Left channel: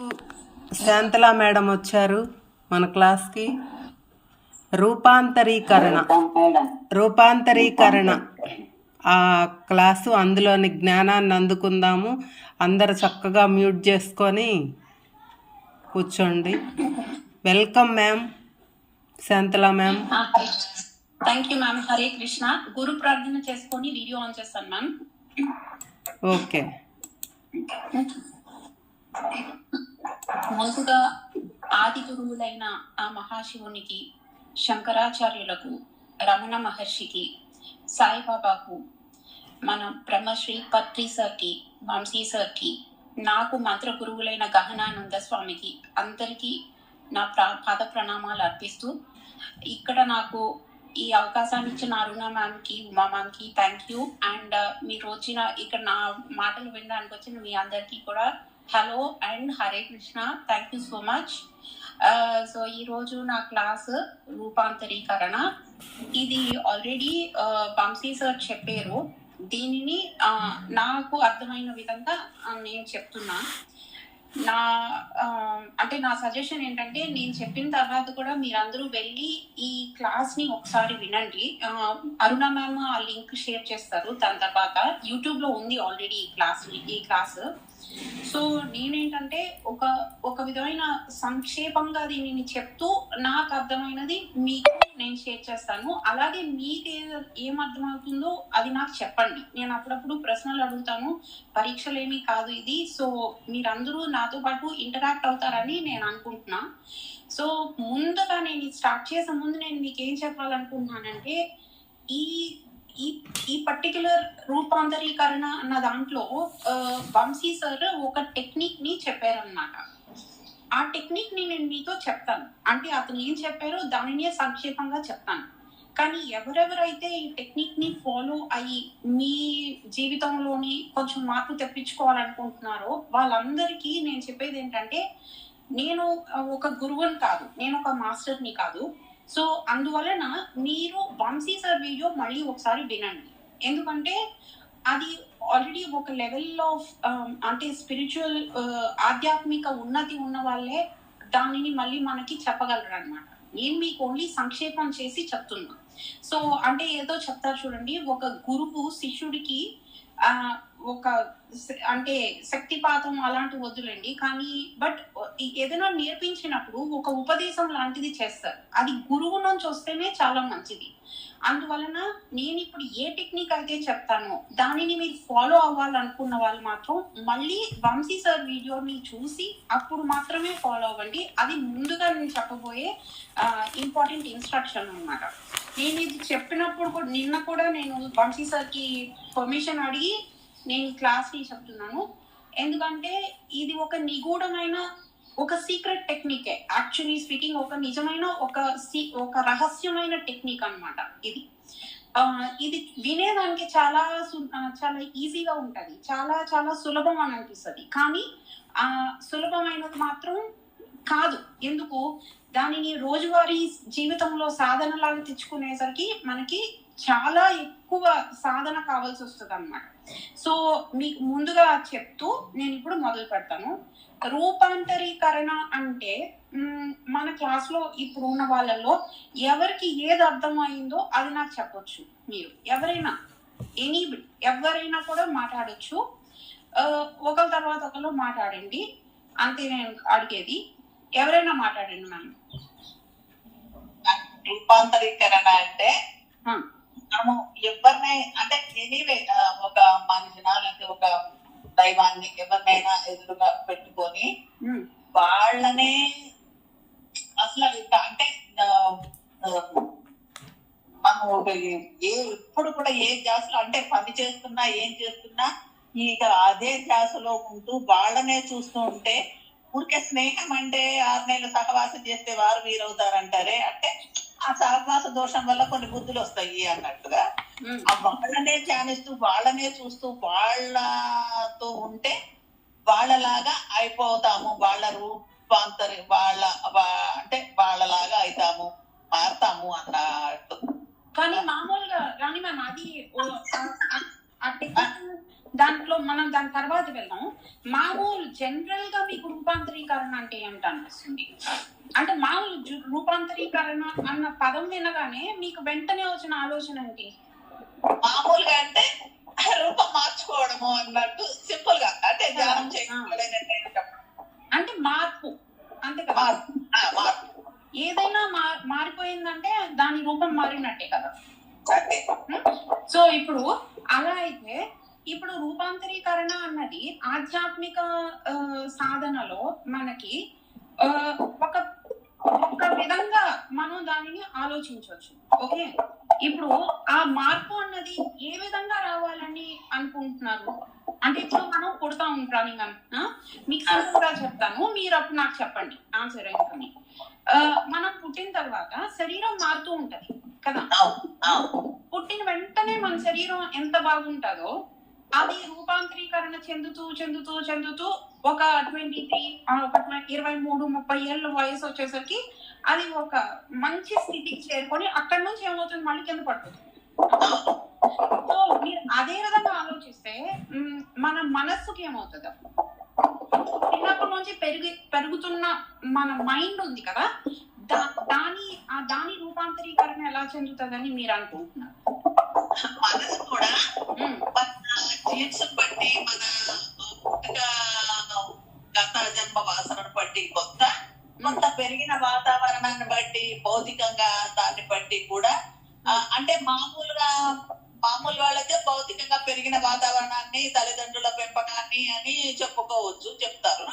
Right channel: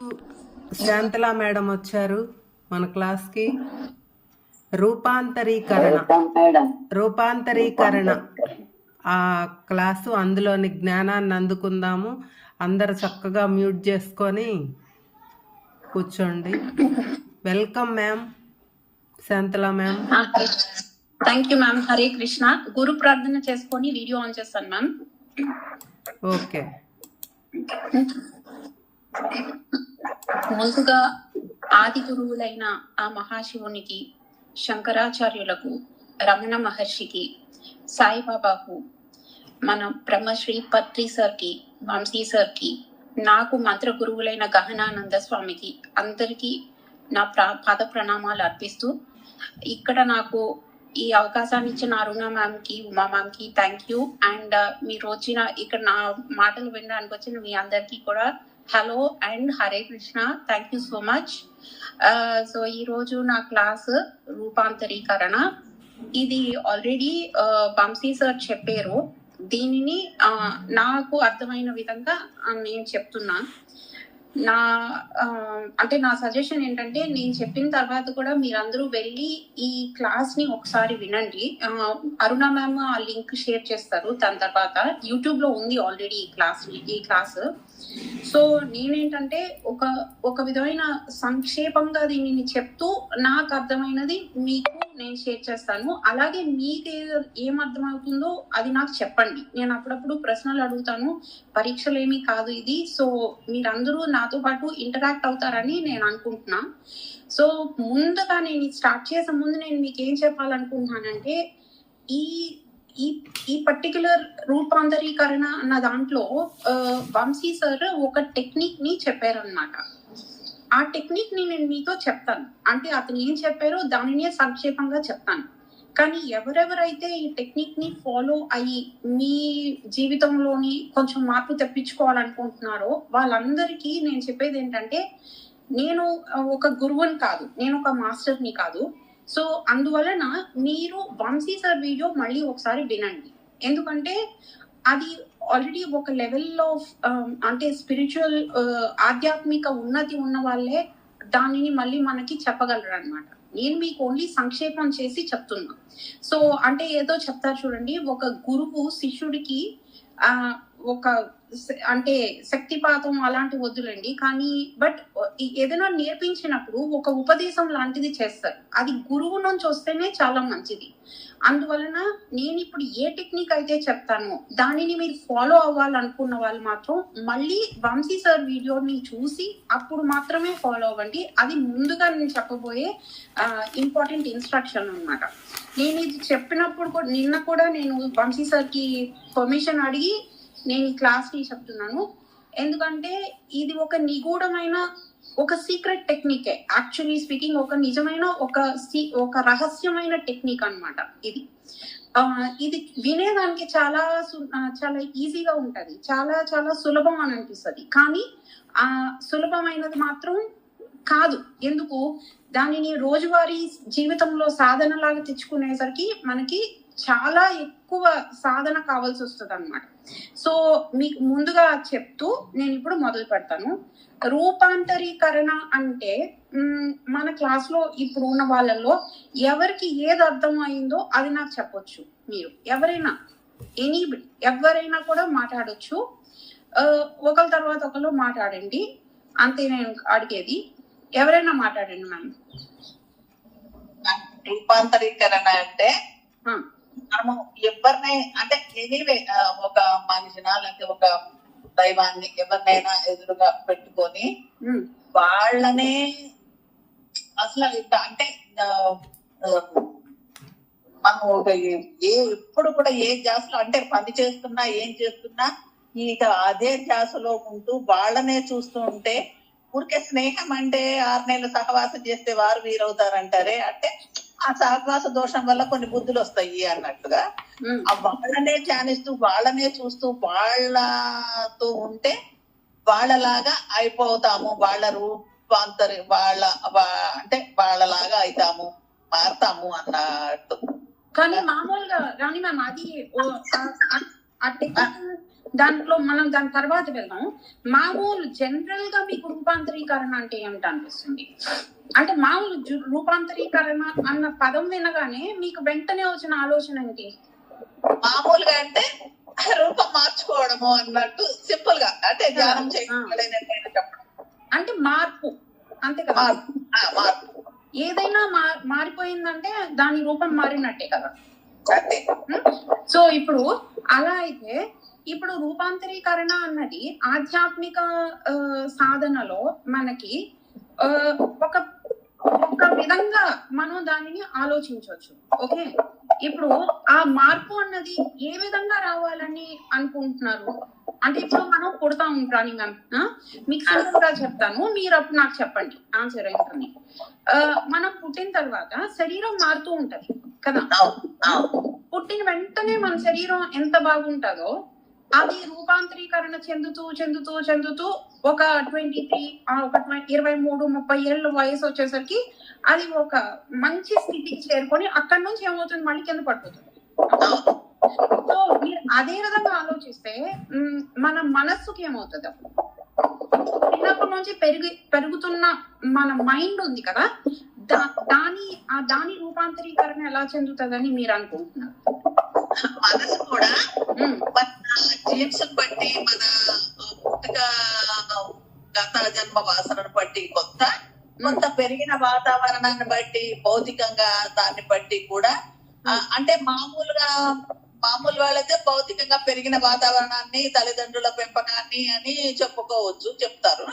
Shantala madam వచ్చారు మన క్లాస్కి. రూపాంతరీకరణ ఆ క్లాసు, అందులోని జ్ఞానాన్ని అందుకుందాము. అందరు చక్కగా మ్యూట్ చేసుకొని కూర్చోండి. Welcome ma'am, Shantala ma'am. Thank you ma'am. Hare Krishna. గురు ప్రార్థన చేసుకొని వీడియో ఆన్ చేస్తాను మ్యామ్. ఓకే. ముందుగా ఆది గురువులైన ఆ మహాశివునికి, శంకరాచార్యులకు, రమణ మహర్షికి, సాయిబాబాకు, మన బ్రహ్మశ్రీ పత్రి సార్కి, వంశీ సార్కి, నాకు మంత్ర గురువులైన గహనానంద స్వామికి అందరికీ నా పాద ప్రణామాలు అర్పిస్తూ, ఇక్కడ నాకు ఈ అవకాశాన్ని ఇచ్చిన అరుణ మ్యామ్కి, ఉమా మ్యామ్కి థ్యాంక్ యూ. అండ్ మీరు వచ్చిన ఇక్కడ నా మాటలు వినడానికి వచ్చిన మీ అందరికీ కూడా hello and Hare Krishna. Thank you so much. So ఈరోజు నా క్లాస్ రూపాంతరీకరణ. ఇది ఆల్రెడీ వంశీ సార్ చెప్పారు. దీనిని నాకు అర్థమైన విధంగా నేను చెప్తున్నా. నా సజెషన్ ఏంటంటే, నేను చెప్పిన తర్వాత కూడా మీరందరూ వెళ్ళి ఈ క్లాస్ ని ఒకసారి వినండి. అరుణ మ్యామ్ ఆ లింక్ షేర్ చేస్తారు. దాని తర్వాత యూట్యూబ్ లో ఉంది ఆల్రెడీ ఈ క్లాస్. సో నేనేంటంటే ఒక విధమైన సంక్షేపంగా దీనిని చెప్తూ నాకు అర్థమైనది మీకు నేను షేర్ చేస్తాను. అలాగే మీకు ఏం అర్థమవుతుందో అది నాకు చెప్పండి. నేను అప్పుడప్పుడు ప్రశ్నలు అడుగుతాను. పరీక్షలు ఏమీ కాదు ఇది. సో మీరందరూ నాతో పాటు ఇంటరాక్ట్ అవుతారని నేను అనుకుంటున్నా. సో ముందుగా నేను స్టార్ట్ చేసే ముందు నేను మీకు ఏం చెప్పాలనుకుంటున్నానంటే, ఈ ఈ పర్టిక్యులర్ రూపాంతరీకరణ అన్న దాంట్లో వంశీ సార్ ఒక టెక్నిక్ ని చెప్పారనమాట. ఆ టెక్నిక్ ని నేను మీతో చెప్తాను. అంటే అతను ఏం చెప్పారో దానినే సంక్షేపంగా చెప్తాను. కానీ ఎవరెవరైతే ఈ టెక్నిక్ ని ఫాలో అయ్యి మీ జీవితంలోని కొంచెం మార్పు తెప్పించుకోవాలనుకుంటున్నారో వాళ్ళందరికీ నేను చెప్పేది ఏంటంటే, నేను ఒక గురువుని కాదు, నేను ఒక మాస్టర్ని కాదు. సో అందువలన మీరు వంశీ సార్ వీడియో మళ్ళీ ఒకసారి వినండి. ఎందుకంటే అది ఆల్రెడీ ఒక లెవెల్లో అంటే స్పిరిచువల్ ఆధ్యాత్మిక ఉన్నతి ఉన్న వాళ్ళే దానిని మళ్ళీ మనకి చెప్పగలరు అనమాట. నేను మీకు ఓన్లీ సంక్షేపం చేసి చెప్తున్నా. సో అంటే ఏదో చెప్తారు చూడండి, ఒక గురువు శిష్యుడికి ఒక అంటే శక్తిపాతం అలాంటి వద్దులండి, కానీ బట్ ఏదైనా నేర్పించినప్పుడు ఒక ఉపదేశం లాంటిది చేస్తారు. అది గురువు నుంచి వస్తేనే చాలా మంచిది. అందువలన నేను ఇప్పుడు ఏ టెక్నిక్ అయితే చెప్తానో దానిని మీరు ఫాలో అవ్వాలనుకున్న వాళ్ళు మాత్రం మళ్ళీ వంశీ సార్ వీడియోని చూసి అప్పుడు మాత్రమే ఫాలో అవ్వండి. అది ముందుగా నేను చెప్పబోయే ఇంపార్టెంట్ ఇన్స్ట్రక్షన్ అన్నమాట. నేను ఇది చెప్పినప్పుడు కూడా నిన్న కూడా నేను వంశీ సార్కి పర్మిషన్ అడిగి నేను ఈ క్లాస్ ని చెప్తున్నాను. ఎందుకంటే ఇది ఒక నిగూఢమైన ఒక సీక్రెట్ టెక్నికే. యాక్చువల్లీ స్పీకింగ్ ఒక నిజమైన ఒక రహస్యమైన టెక్నిక్ అన్నమాట. ఇది వినేదానికి చాలా చాలా ఈజీగా ఉంటది, చాలా చాలా సులభం అని అనిపిస్తుంది. కానీ సులభమైనది మాత్రం కాదు. ఎందుకు? దానిని రోజువారీ జీవితంలో సాధనలాగా తెచ్చుకునేసరికి మనకి చాలా ఎక్కువ సాధన కావాల్సి వస్తుంది అన్నమాట. సో మీకు ముందుగా చెప్తూ నేను ఇప్పుడు మొదలు పెడతాను. రూపాంతరీకరణ అంటే మన క్లాస్ లో ఇప్పుడు ఉన్న వాళ్ళలో ఎవరికి ఏది అర్థమైందో అది నాకు చెప్పొచ్చు. మీరు ఎవరైనా ఎవరైనా కూడా మాట్లాడొచ్చు. ఒకరి తర్వాత ఒకరు మాట్లాడండి, అంతే నేను అడిగేది. ఎవరైనా మాట్లాడండి మ్యామ్. రూపాంతరీకరణ అంటే మనము ఎవరినై అంటే ఎనీవే ఒక మనిషినా లేకపోతే ఒక దైవాన్ని ఎవరినైనా ఎదురుగా పెట్టుకొని వాళ్ళనే అసలు అంటే మనం ఒక ఎప్పుడు కూడా ఏ ధ్యాసలో అంటే పని చేస్తున్నా ఏం చేస్తున్నా ఇక అదే ధ్యాసలో ఉంటూ వాళ్ళనే చూస్తూ ఉంటే, ఊరికే స్నేహం అంటే 6 నెలలు సహవాసం చేస్తే వారు వీరవుతారంటారే, అంటే ఆ సహవాస దోషం వల్ల కొన్ని బుద్ధులు వస్తాయి అన్నట్టుగా వాళ్ళనే ధ్యానిస్తూ వాళ్ళనే చూస్తూ వాళ్ళతో ఉంటే వాళ్ళలాగా అయిపోతాము. వాళ్ళ అంటే వాళ్ళలాగా అవుతాము, మారుతాము అన్నట్టు. కానీ మామూలుగా రాణి మ్యామ్ అది ఆ టెక్నికల్ దాంట్లో మనం దాని తర్వాత వెళ్దాం. మామూలు జనరల్ గా మీకు రూపాంతరీకరణ అంటే ఏమిటి అనిపిస్తుంది? అంటే మామూలు రూపాంతరీకరణ అన్న పదం వినగానే మీకు వెంటనే వచ్చిన ఆలోచన ఏంటి? మామూలుగా అంటే రూపం మార్చుకోవడము అన్నట్టు సింపుల్ గా, అంటే ధ్యానం చేయలేనట్టు చెప్పడం. అంటే మార్పు, అంతే కదా? మార్పు ఏదైనా మారిపోయిందంటే దాని రూపం మారినట్టే కదా. సో ఇప్పుడు అలా అయితే ఇప్పుడు రూపాంతరీకరణ అన్నది ఆధ్యాత్మిక సాధనలో మనకి ఒక ఒక విధంగా మనం దానిని ఆలోచించవచ్చు. ఓకే, ఇప్పుడు ఆ మార్పు అన్నది ఏ విధంగా రావాలని అనుకుంటున్నారు? అంటే ఇప్పుడు మనం పుడతా ఉంటాను మ్యామ్, మీకు సింపుల్ గా చెప్తాను, మీరు అప్పుడు నాకు చెప్పండి ఆన్సర్ ఏంటని. మనం పుట్టిన తర్వాత శరీరం మారుతూ ఉంటది కదా. పుట్టిన వెంటనే మన శరీరం ఎంత బాగుంటుందో అది రూపాంతరీకరణ చెందుతూ చెందుతూ చెందుతూ ఒక 23 ఒక 23-30 ఏళ్ళ వయసు వచ్చేసరికి అది ఒక మంచి స్థితికి చేరుకొని అక్కడి నుంచి ఏమవుతుంది, మళ్ళీ కింద పడిపోతుంది. సో మీరు అదే విధంగా ఆలోచిస్తే మన మనస్సుకి ఏమవుతుంది? చిన్నప్పటి నుంచి పెరుగుతున్న మన మైండ్ ఉంది కదా, దాని రూపాంతరీకరణ ఎలా చెందుతుందని మీరు అనుకుంటున్నారు? మనసు కూడా మన జీన్స్ బట్టి, మన పుట్టుక గత జన్మ వాసనను బట్టి, కొంత పెరిగిన వాతావరణాన్ని బట్టి, భౌతికంగా దాన్ని బట్టి కూడా, అంటే మామూలు వాళ్ళైతే భౌతికంగా పెరిగిన వాతావరణాన్ని, తల్లిదండ్రుల పెంపకాన్ని అని చెప్తారు.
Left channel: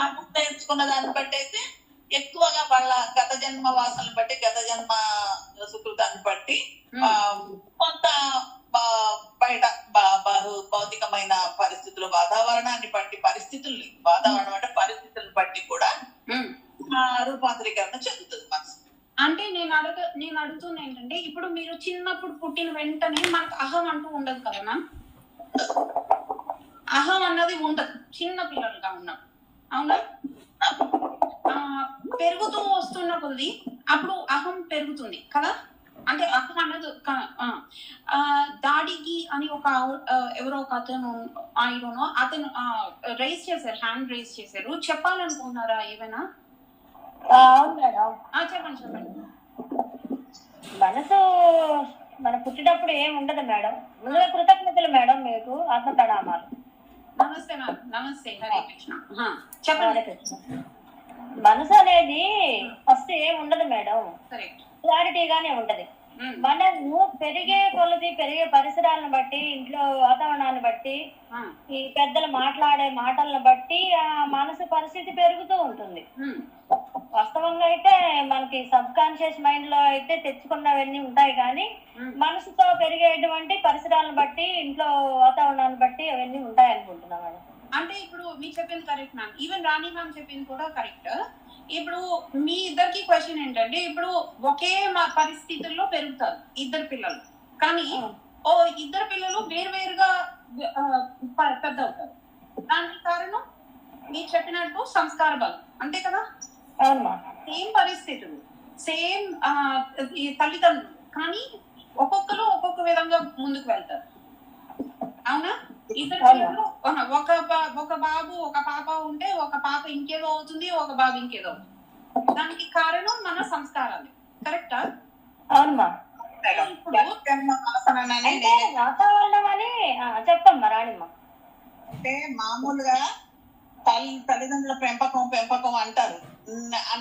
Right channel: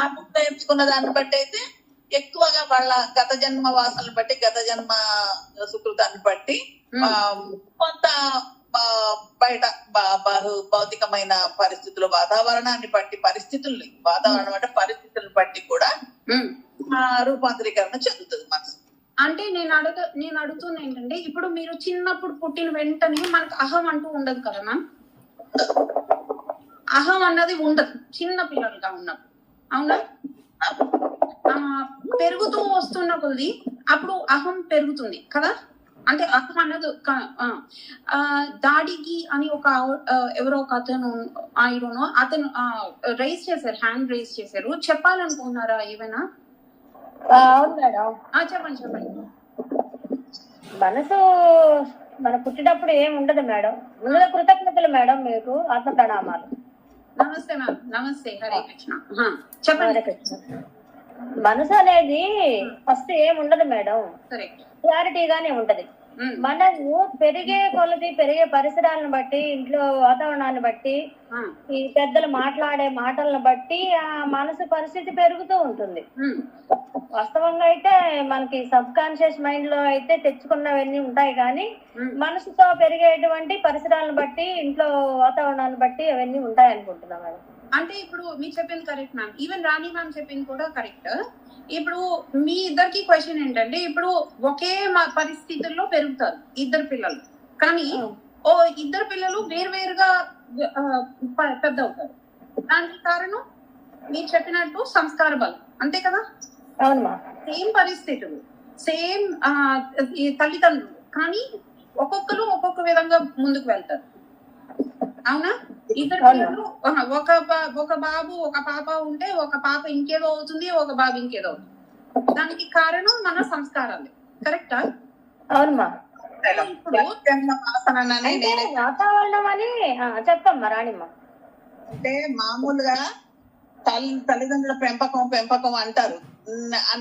మనం నేర్చుకున్న దాన్ని బట్టి అయితే ఎక్కువగా వాళ్ళ గత జన్మ వాసనలు బట్టి, గత జన్మ సుకృతాన్ని బట్టి కొంత బయట భౌతికమైన పరిస్థితులు, వాతావరణాన్ని బట్టి, వాతావరణం అంటే పరిస్థితులను బట్టి కూడా రూపాంతరీకరణ చెందుతుంది మనసు. అంటే నేను అడుగుతున్నా ఏంటంటే, ఇప్పుడు మీరు చిన్నప్పుడు పుట్టిన వెంటనే మనకు అహం అంటూ ఉండదు కదా మ్యామ్. అహం అన్నది ఉండదు చిన్న పిల్లలుగా ఉన్నప్పుడు, అవునా? పెరుగుతూ వస్తున్న కొద్ది అప్పుడు అహం పెరుగుతుంది కదా. అంటే అహం అన్నది దాడికి అని ఎవరో ఒక అతను అతను హ్యాండ్ రైజ్ చేశారు, చెప్పాలనుకున్నారా ఏమైనా? అవును మేడం, చెప్పండి. మనసు మన పుట్టినప్పుడు ఏం ఉండదు మేడం. ముందుగా కృతజ్ఞతలు మేడం, మీకు ఆత్మ ప్రణామాలు. నమస్తే మ్యామ్. నమస్తే, హరే కృష్ణ. చెప్పండి. మనసు అనేది ఫస్ట్ ఏం ఉండదు మేడం, క్లారిటీగానే ఉంటది. మనము పెరిగే కొలది, పెరిగే పరిసరాలను బట్టి, ఇంట్లో వాతావరణాన్ని బట్టి, ఈ పెద్దలు మాట్లాడే మాటలను బట్టి ఆ మనసు పరిస్థితి పెరుగుతూ ఉంటుంది. వాస్తవంగా అయితే మనకి సబ్ కాన్షియస్ మైండ్ లో అయితే తెచ్చుకున్నవన్నీ ఉంటాయి, కానీ మనసుతో పెరిగేటువంటి పరిసరాలను బట్టి, ఇంట్లో వాతావరణాన్ని బట్టి అవన్నీ ఉంటాయి అనుకుంటున్నా మేడం. అంటే ఇప్పుడు మీరు చెప్పింది కరెక్ట్ మ్యామ్, ఈవెన్ రాణి మ్యామ్ చెప్పింది కూడా కరెక్ట్. ఇప్పుడు మీ ఇద్దరికి క్వశ్చన్ ఏంటంటే, ఇప్పుడు ఒకే పరిస్థితుల్లో పెరుగుతారు ఇద్దరు పిల్లలు, కానీ ఇద్దరు పిల్లలు వేరువేరుగా పెద్ద అవుతారు. దానికి కారణం మీరు చెప్పినట్టు సంస్కార బలం, అంతే కదా? సేమ్ పరిస్థితులు, సేమ్ తల్లిదండ్రులు, కానీ ఒక్కొక్కరు ఒక్కొక్క విధంగా ముందుకు వెళ్తారు, అవునా? ఇద్దరు పిల్లలు, ఒక బాబు ఒక పాప ఉంటే ఒక పాప ఇంకేదో అవుతుంది, ఒక బాబు ఇంకేదో అవుతుంది. దానికి కారణం మన సంస్కారాలు, కరెక్టా? అవునమ్మా. ఇప్పుడు వాతావరణం అని చెప్పమ్మా రాణిమ్మ. అంటే మామూలుగా తల్లిదండ్రుల పెంపకం అంటారు.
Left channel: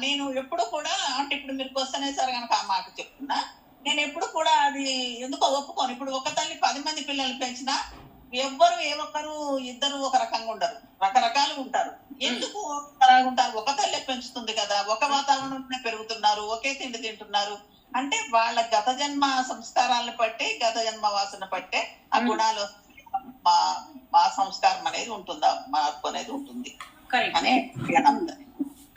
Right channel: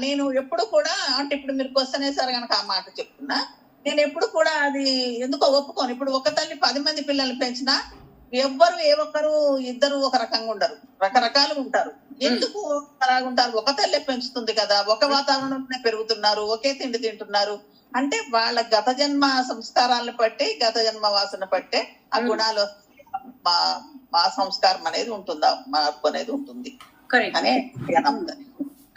నేను ఎప్పుడు కూడా, అంటే ఇప్పుడు మీరు క్వశ్చన్ వేసారు కనుక ఆ మాట చెప్తున్నా, నేను ఎప్పుడు కూడా అది ఎందుకో ఒప్పుకోను. ఇప్పుడు ఒక తల్లి 10 మంది పిల్లల్ని పెంచినా ఎవ్వరు ఇద్దరు ఒక రకంగా ఉండరు, రకరకాలు ఉంటారు. ఎందుకు అలాగుంటారు? ఒక తల్లి పెంచుతుంది కదా, ఒక వాతావరణంలో పెరుగుతున్నారు, ఒకే తిండి తింటున్నారు. అంటే వాళ్ళ గత జన్మ సంస్కారాలను బట్టి, గత జన్మ వాసన బట్టే ఆ గుణాలు, మా సంస్కారం అనేది ఉంటుందా, మార్పు అనేది ఉంటుంది అనే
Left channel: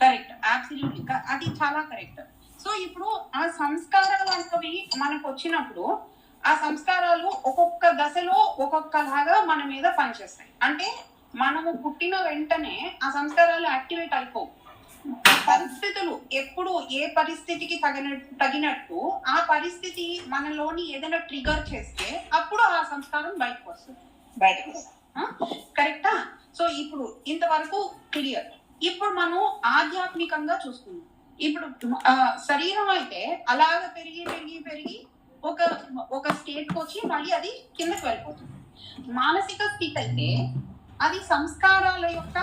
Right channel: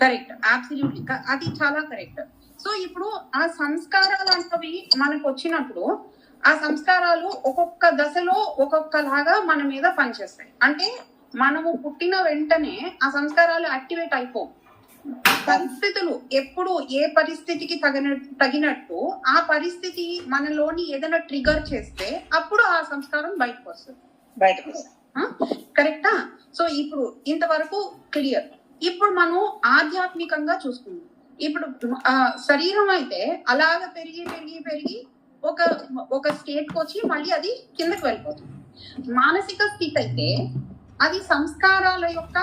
కరెక్ట్, అబ్సల్యూట్లీ, అది చాలా కరెక్ట్. సో ఇప్పుడు ఆ సంస్కారాలు అనేవి మనకు వచ్చినప్పుడు ఆ సంస్కారాలు ఒక్కొక్క దశలో ఒక్కొక్కలాగా మన మీద పనిచేస్తాయి. అంటే మనము పుట్టిన వెంటనే ఆ సంస్కారాలు యాక్టివేట్ అయిపోవు. పరిస్థితులు ఎప్పుడు ఏ పరిస్థితికి తగినట్టు ఆ పరిస్థితి మనలోని ఏదైనా ట్రిగర్ చేస్తే అప్పుడు ఆ సంస్కారం బయటకు వస్తుంది. కరెక్టా? సో ఇప్పుడు ఇంతవరకు క్లియర్. ఇప్పుడు మనం ఆధ్యాత్మికంగా చూసుకున్నాం. ఇప్పుడు శరీరం అయితే అలాగ పెరిగి పెరిగి పెరిగి ఒక స్టేట్ కి వచ్చి మళ్ళీ అది కిందకి వెళ్ళిపోతుంది. మానసిక స్థితి అయితే అది సంస్కారాల యొక్క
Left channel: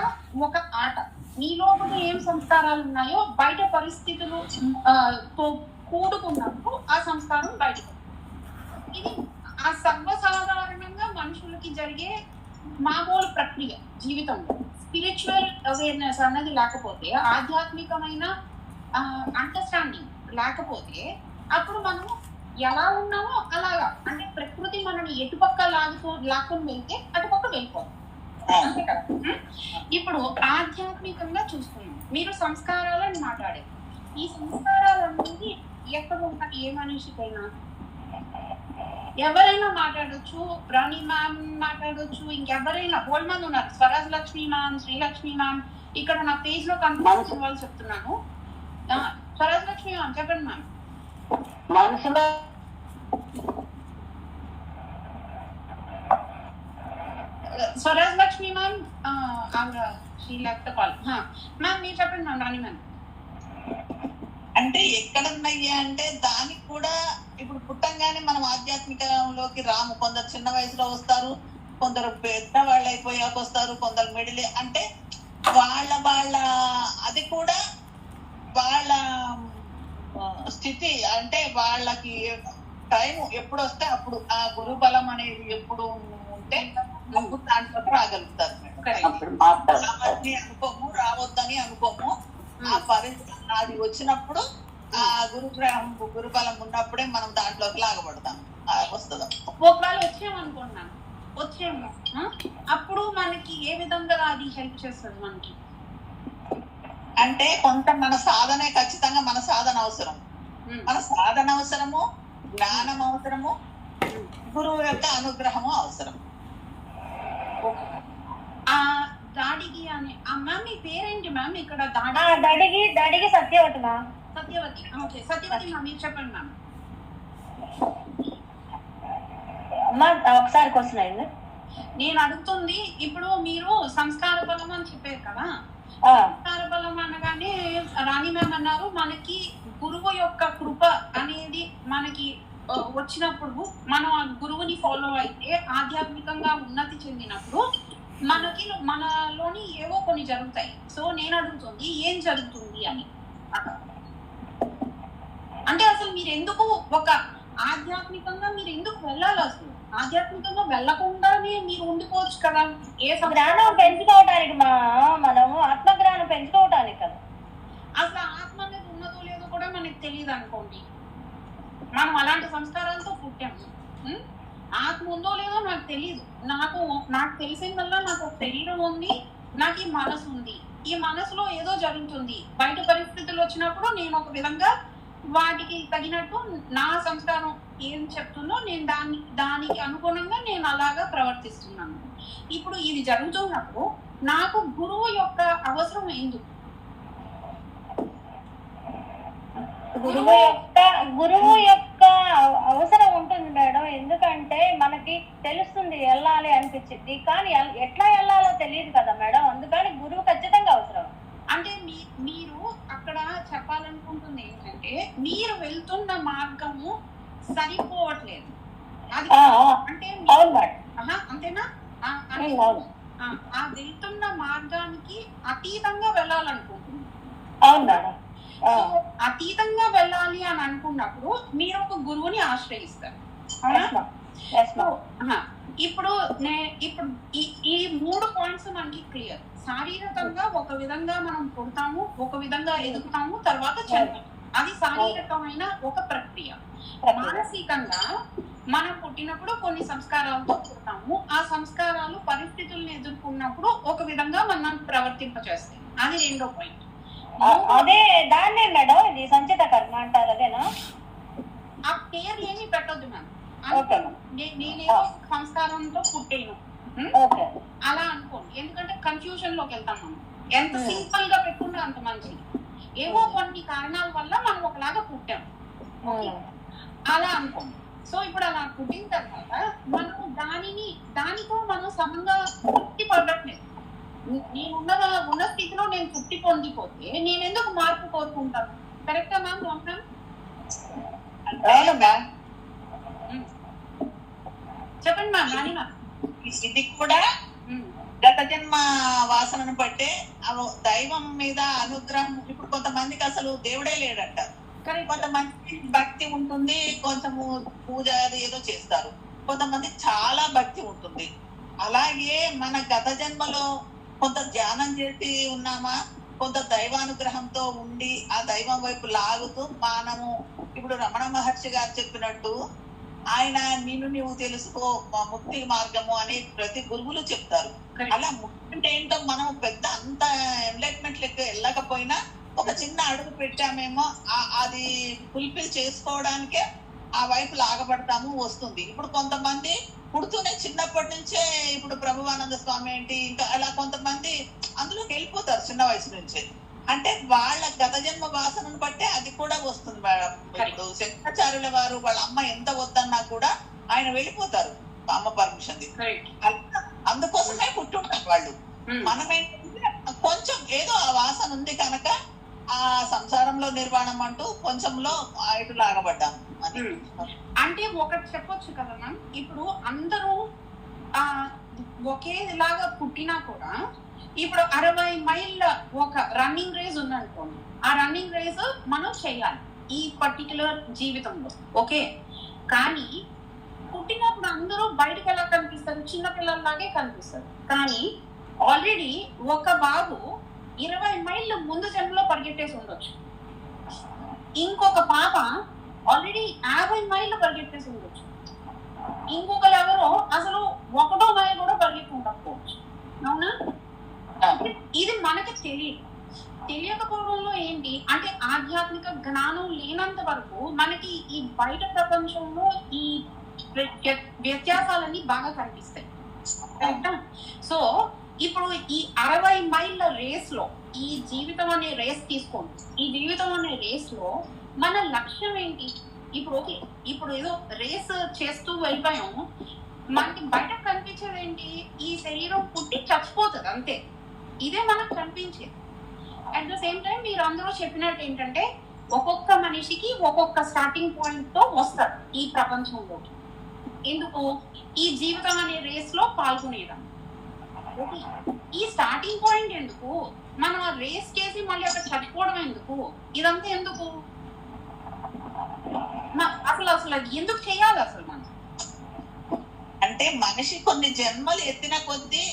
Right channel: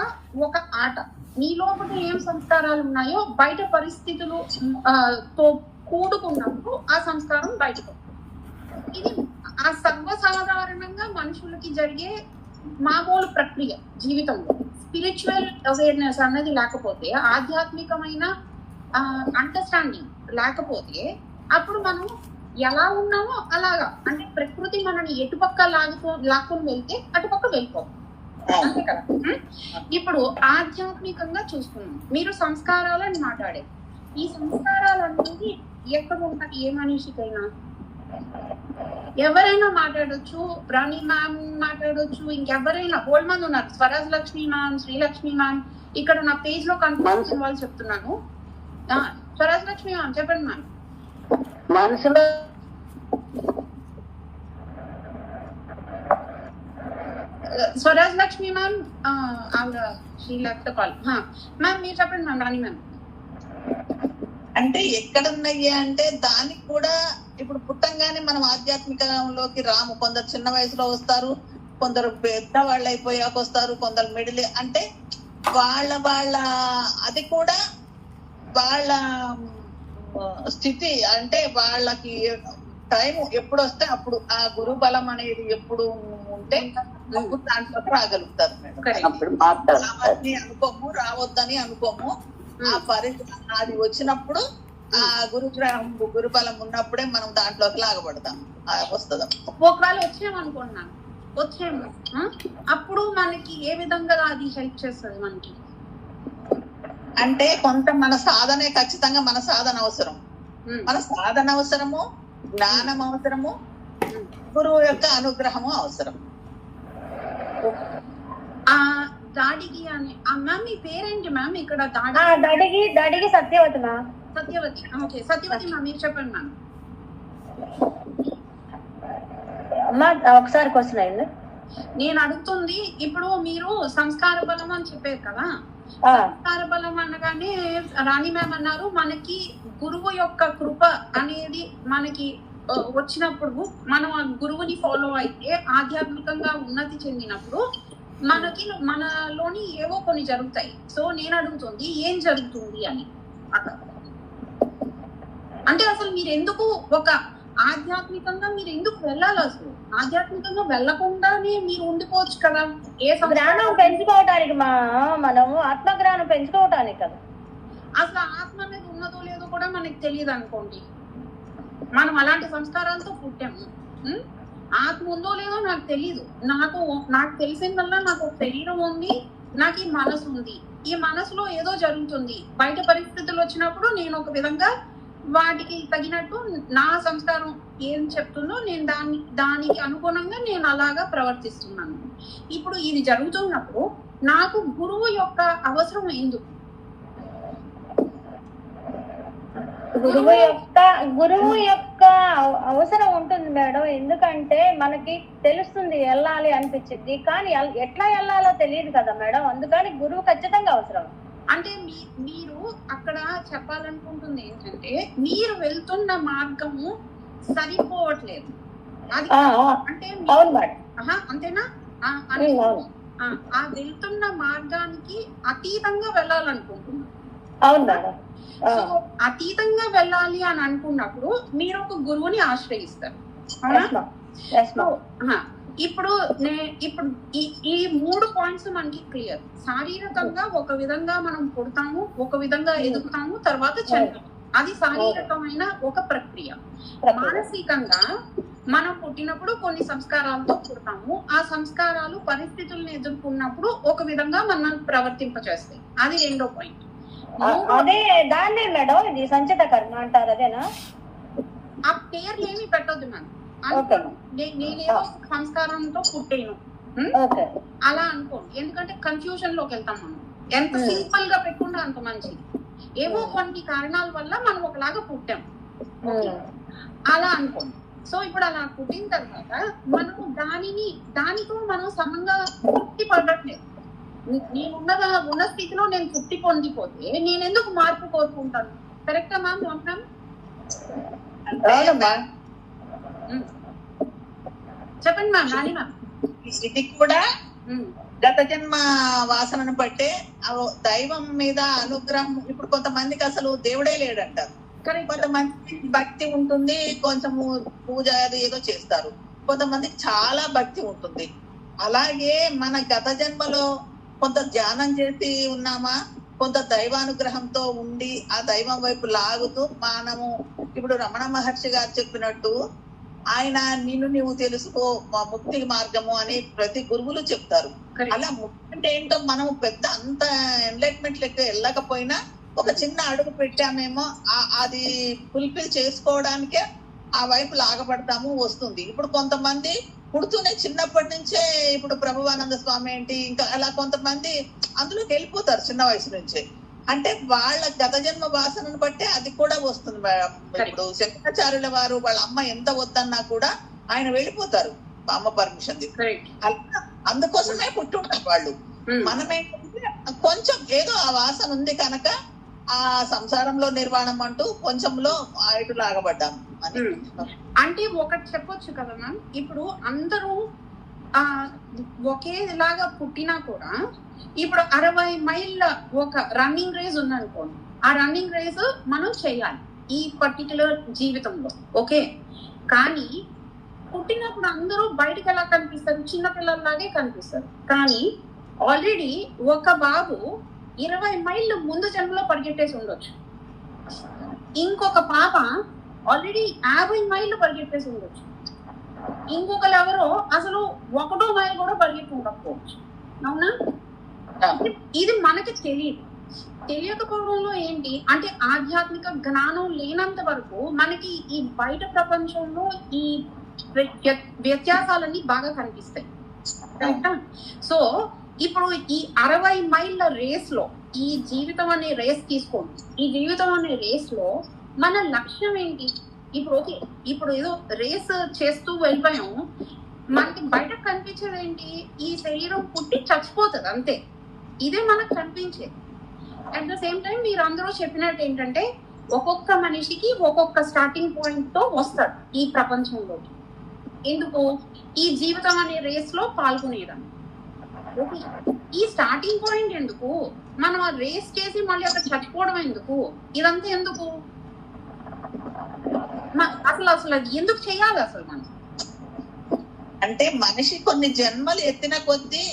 ఒక ఆట. నీ లోపల ఏం సంస్కారాలు ఉన్నాయో బయట పరిస్థితులు తో కూడుకున్నప్పుడు ఆ సంస్కారం బయటకు. ఇది ఆ సర్వసాధారణంగా మనుషులకి జరిగే మామూలు ప్రక్రియ జీవితంలో. స్పిరిచువల్ అవేర్నెస్ అన్నది లేకపోతే, ఆధ్యాత్మికమైన అండర్స్టాండింగ్ లేకపోతే అప్పుడు మనం ఎలా ఉన్నామో అలాగా, అంటే ప్రకృతి మనని ఎటుపక్క లాక్కుని వెళ్తే అటుపక్క వెళ్ళిపోతాం. అంతే కదా? ఇప్పుడు ఆధ్యాత్మికంగా చూసుకున్నాం. మీరు సంస్కారాలని మాట్లాడారు. ఈ సంస్కారాలు అనేది ఎక్కడ ఉంటాయి? ఏ మనిషికైనా ఎవరైనా మాట్లాడొచ్చు. రాణి మ్యామ్ మాట్లాడొచ్చు, ఇంకెవరైనా బోల్డ్ మంది ఉన్నారు. స్వరాజ్ లక్ష్మి మ్యామ్, శ్రీలక్ష్మి మ్యామ్, ఇక్కడ నా పేజ్ లో కన్ఫర్మేషన్ వాళ్ళు చెప్తున్నాను. స్వరాజ్ లక్ష్మి మ్యామ్ చెప్పండి మ్యామ్. మనసులో స్వరాజ్ లక్ష్మి మ్యామ్ ఆవిడ శ్రీ లెఫ్ట్ కాల్. మ్యామ్ మీరు చెప్పండి మ్యామ్. రాణి మ్యామ్ అంటే ఎక్కడ ఉన్నాయి అంటే దానికి కూడా ఇప్పుడు పుట్టంగానే మనం ఆధ్యాత్మికంలోకి రాము. కొందరు చిన్న వయసులో వస్తారు, కొందరు పెద్ద వాళ్ళు అయిపోయాక వస్తారు, కొందరు మిడిల్. అంటే వాళ్ళ అది కూడా వాళ్ళ స్థితి, అంటే వాళ్ళకి టైం ఎప్పుడు వస్తే అప్పుడు ఆ గురు బలం అనేది ఎప్పుడు ఉంటే అప్పుడు దాంట్లో రాగలుగుతారు మేడం. అనుకోము, రావద్దని అనుకోము. ఆ పరిస్థితి అది వచ్చినప్పుడు ఆ గురుబలం ఉన్నప్పుడే మనం దాంట్లోకి లాగబడతాం, వస్తుందాం. ఒకవేళ వచ్చామనుకుంటున్నాను, వచ్చాము అప్పుడు మనకి ఏ విధంగా అది హెల్ప్ చేస్తుంది మనకి? అంటే కొంత మన సాధనే, ఖచ్చితంగా మన సాధన అవసరం. మన సాధన అవసరము, జ్ఞానం అవసరము, గురువు యొక్క అనుగ్రహము అవసరం. ఆ దాడికి అని మ్యామ్ మీ పేరేంటి మ్యామ్? ఇక్కడ దాడికి Satyavathi ma'am. Satyavathi. Okay Satyavathi ma'am మీరు చెప్పండి మ్యామ్. అమ్మా ఒకసారి క్వశ్చన్ అయింది. నేను అడుగుతుంది, ఇప్పుడు మీరు సంస్కార బలం అని చెప్పారు కదా. సంస్కార బలం అనగానే రాణి మ్యామ్ అన్నారు మనకి గురువు యొక్క కృప అనేది మనకి వచ్చినప్పుడు, మనం ఆ గురువుని ఫాలో అయితే ఆధ్యాత్మికంగా ఉన్నతి చెందినప్పుడు మనకి మనలోని ఏవో కొన్ని జరుగుతాయి. సో నేను అడుగుతుంది ఏం జరుగుతుంది అని. అంటే అసలు మీరు ఎందుకు ఒక ఆధ్యాత్మికంగా మీరు ఎందుకు వెళ్ళాలి? అసలు ఆధ్యాత్మికంగా వెళ్ళకుండానే మీరు ఉండిపోవచ్చు కదా. ఏ జ్ఞానం పెంచుకోవటానికి, మనం ఆత్మజ్ఞానం పెంచుకోవటానికి కదా. అసలు ఆత్మ అనేది ఉన్నదో లేదో కూడా మనకి తెలియదు అనుకోండి. మనం అలాంటి సంస్కారాలతో పుట్టాము. ఆత్మ ఉందో లేదో నాకు తెలియదు. నాకు తెలిసిందల్లా నాకు ఒక శరీరం ఉంది, నాకు ఈ మనసు ఉంది. ఈ మనసులో ఏదో జరుగుతుంది. బయట పరిస్థితులు వచ్చినప్పుడు నేను ఒక విధంగా వాటికి తగినట్టు నా సంస్కారం ఏం చెప్తుందో నేను దానికి అనుగుణంగా నేను అలాగా ప్రవర్తిస్తున్నాను. ఇప్పుడు ఇది జరుగుతున్నప్పుడు నాకు గురువు యొక్క అవసరం ఎందుకు? గురువు యొక్క అవసరం ఉంటుంది మేడం. ఎందుకంటే మనకి తెలుస్తుంది వెళ్ళాలి అనిపించింది, కానీ ఎట్లా వెళ్ళాలో తెలియదు కదా మేడం. అందుకని గురువు ఖచ్చితంగా అవసరం. అంటే మీరు అక్కడ చెప్పాలనుకుంటుంది ఏంటంటే మీరు వెళ్తున్న మార్గము సరిపోవట్లేదు. అది అంటే అంతేనా? ఆ వెళ్తున్న మార్గానికి అతీతంగా వెళ్ళాలనుకుంటున్నాను. అవును మేడం. సో అతీతంగా వెళ్ళాలి అని అనుకున్నప్పుడు మీరు ఒక గురువుని ఆశ్రయిస్తారు. ఇప్పుడు ఈ 3 పాయింట్స్ మనకి క్లియర్. శారీరకంగా ఒక విధంగా మనం పుడతాము, ఒక విధంగా ఎదుగుతాము, తర్వాత చనిపోతాము. అది శారీరకమైన ఒక ప్రక్రియ. మానసికంగా మనం పుట్టినప్పుడు కొన్ని సంస్కారాలతో పుడతాము. ఆ సంస్కారాలు పరిస్థితులను ఎదుర్కొన్నప్పుడు ఒక విధంగా మనం ప్రవర్తింపచేస్తాయి. అది 2వ పాయింట్. అదే దాన్నే మేడం ఇది సంచిత కర్మ అంటారు, అదేనా? ఆ పేర్లు ఏమి పెట్టొద్దు మ్యామ్. నేనేదో సంస్కారంతో పుట్టాను అలా అనుకోండి. ఎందుకంటే కన్ఫ్యూజన్ లోకి వెళ్తాం మనం. ఎంత సింపుల్ గా పెట్టుకుంటే అంత మంచిది. ఏవో కొన్ని కారణాల వల్ల మనం ఒకలాగా పుట్టాం, అలా అనుకోండి. సో ఇప్పుడు అలా పుట్టిన తర్వాత మనము దానితో మనం సమంగా తృప్తి పడట్లేదు. ఉన్న స్థితిలో నేను తృప్తి పొందిపోతే నేను ఎందుకు మార్పు కోరుకుంటాను? కరెక్టా మ్యామ్? చెప్పండి మ్యామ్. రాణి మ్యామ్, ఇది కూడా గత జన్మ వాసనను బట్టే దైవం మీద అనుగ్రహం. ఇప్పుడు కొంతమందికి అసలు దేవుడే లేడంటారు, కొంతమంది భక్తి ఉంటుంది, కొంచెము పూజ అది ఏదో చేస్తారు, కొంతమందికి చాలా భక్తి ఉంటుంది. అలాగే మన గత జన్మలో కొంత ధ్యానం చేసి ఉన్నామా, కొంత దైవానుగ్రహంతో ఉండి ఆ దైవం వైపు లాగుతూ మనము ఇప్పుడు రమణ మహర్షి గారు చెప్పినట్టు ఆయన నిన్ను నువ్వు తెలుసుకో ముక్తి మార్గము అని ప్రతి గురువులు చెప్తారు. అలా ముక్తి అంటే ఏంటో మనం పెద్ద అంత ఎన్లైట్మెంట్ లెక్క వెళ్ళకపోయినా ఒక చిన్న అడుగు పెట్టామేమో అది ఫుల్ఫిల్ చేసుకోవడానికే ఆ వైపు లాగబడతాము, వస్తుంది. ఇప్పుడు కొంతమంది పుడుతూనే చిన్నప్పటి నుంచే ఇప్పుడు ప్రభువానంద స్వామి ఏంటి ఇంకా అలా కొంతమంది అందులోకి వెళ్ళిపోతారు చిన్న వయసు నుంచే. అంటే వాళ్ళ గత జన్మ వాసనను బట్టే అది కూడా వస్తుంది మేడం. ఇప్పుడు శంకరాచార్యుల వారు వాళ్ళ అమ్మ ఎంత వద్దన్నా కూడా ఆయన వెళ్ళిపోతారు అమ్మ పర్మిషన్ తీసుకుని. అందుకోసమే పుట్టుంటారు వాళ్ళు. మనమేంటంటే కొంచెం ఏదో ఆ వాసన ఉంది కనుక ఆ సంసారంలో నిర్వాణం అంటూ కొంచెంలో ఇటు లాగబడ్డాము అని. అంటే ఒకటి చెప్పొచ్చు కదా మ్యామ్, ఇప్పుడు అందరూ ఒకేలాగా పుట్టినా కూడా ఇప్పుడు 60 మైళ్ళ ఒక రన్నింగ్ రేస్ ఉందనుకోండి, ఆ రన్నింగ్ రేస్ మనం చేయాలి ఈ పర్టికులర్ జీవితంలో, ఓకే. కానీ పుట్టినప్పుడు అందరూ బయటకు ఎలా కనిపిస్తారు? చిన్నపిల్లల్లాగే కనిపిస్తారు. కానీ ఆల్రెడీ ఒక బాబు 20 మైళ్ళు ముందు జన్మలో పరిగెట్టేసి ఉండొచ్చు, ఇంకొక పాప ఆల్రెడీ 50 మైళ్ళు పరిగెట్టేసి ఉండొచ్చు, ఇంకొకరు ఎవరో అసలు 1 మైలు కూడా పరిగెత్తి ఉండకపోవచ్చు. అవునా? ఇది మనకి తెలియకపోవడంలో ఏంటి అంటే ఆధ్యాత్మిక జ్ఞానం లేనంత వరకు మనకి ఈ బయట ప్రపంచంలో ఈ వ్యత్యాసాలన్నీ బాగా కనిపిస్తాయి. కరెక్టా? సో ఇప్పుడు ఈ 60 మైళ్ళ రేస్ లో ఈ జీవితం అనే రేస్ తీసుకోండి. ఈ జీవితం అనే రేస్ లో మన లక్ష్యం ఏంటి? ఇప్పుడు ఓకే, ఇప్పుడు ఏదో రేస్ చేస్తూ వెళ్ళిపోయాము, మనకి బయట కనిపించేది ఏంటి? ఈ శరీరం పుట్టి చచ్చిపోతుంది, అంతే. ఇదే మనకు కనిపించేది. అట్ ద సేమ్ టైం మీరు అందరూ చెప్పినట్టు ఏంటంటే ఒక్కొక్క మనిషికి ఒక్కొక్క స్టార్టింగ్ పాయింట్ తో వస్తాడు ఈ ప్రపంచంలో. ఎందుకు? ఈ జీవితం అనే రేస్ లో పాల్గొనేదాన్ని. ఈ స్టార్టింగ్ పాయింట్ ఎందుకు? మనం ఆ రేస్ చేసి మళ్ళీ అక్కడ చచ్చిపోవడం ఎందుకు? ఇదంతా ఎందుకు? అసలు ఎందుకు చేయాలి అసలు మనం? అంటే మనిషి కొన్ని జన్మలు ఎత్తిన కొద్దీ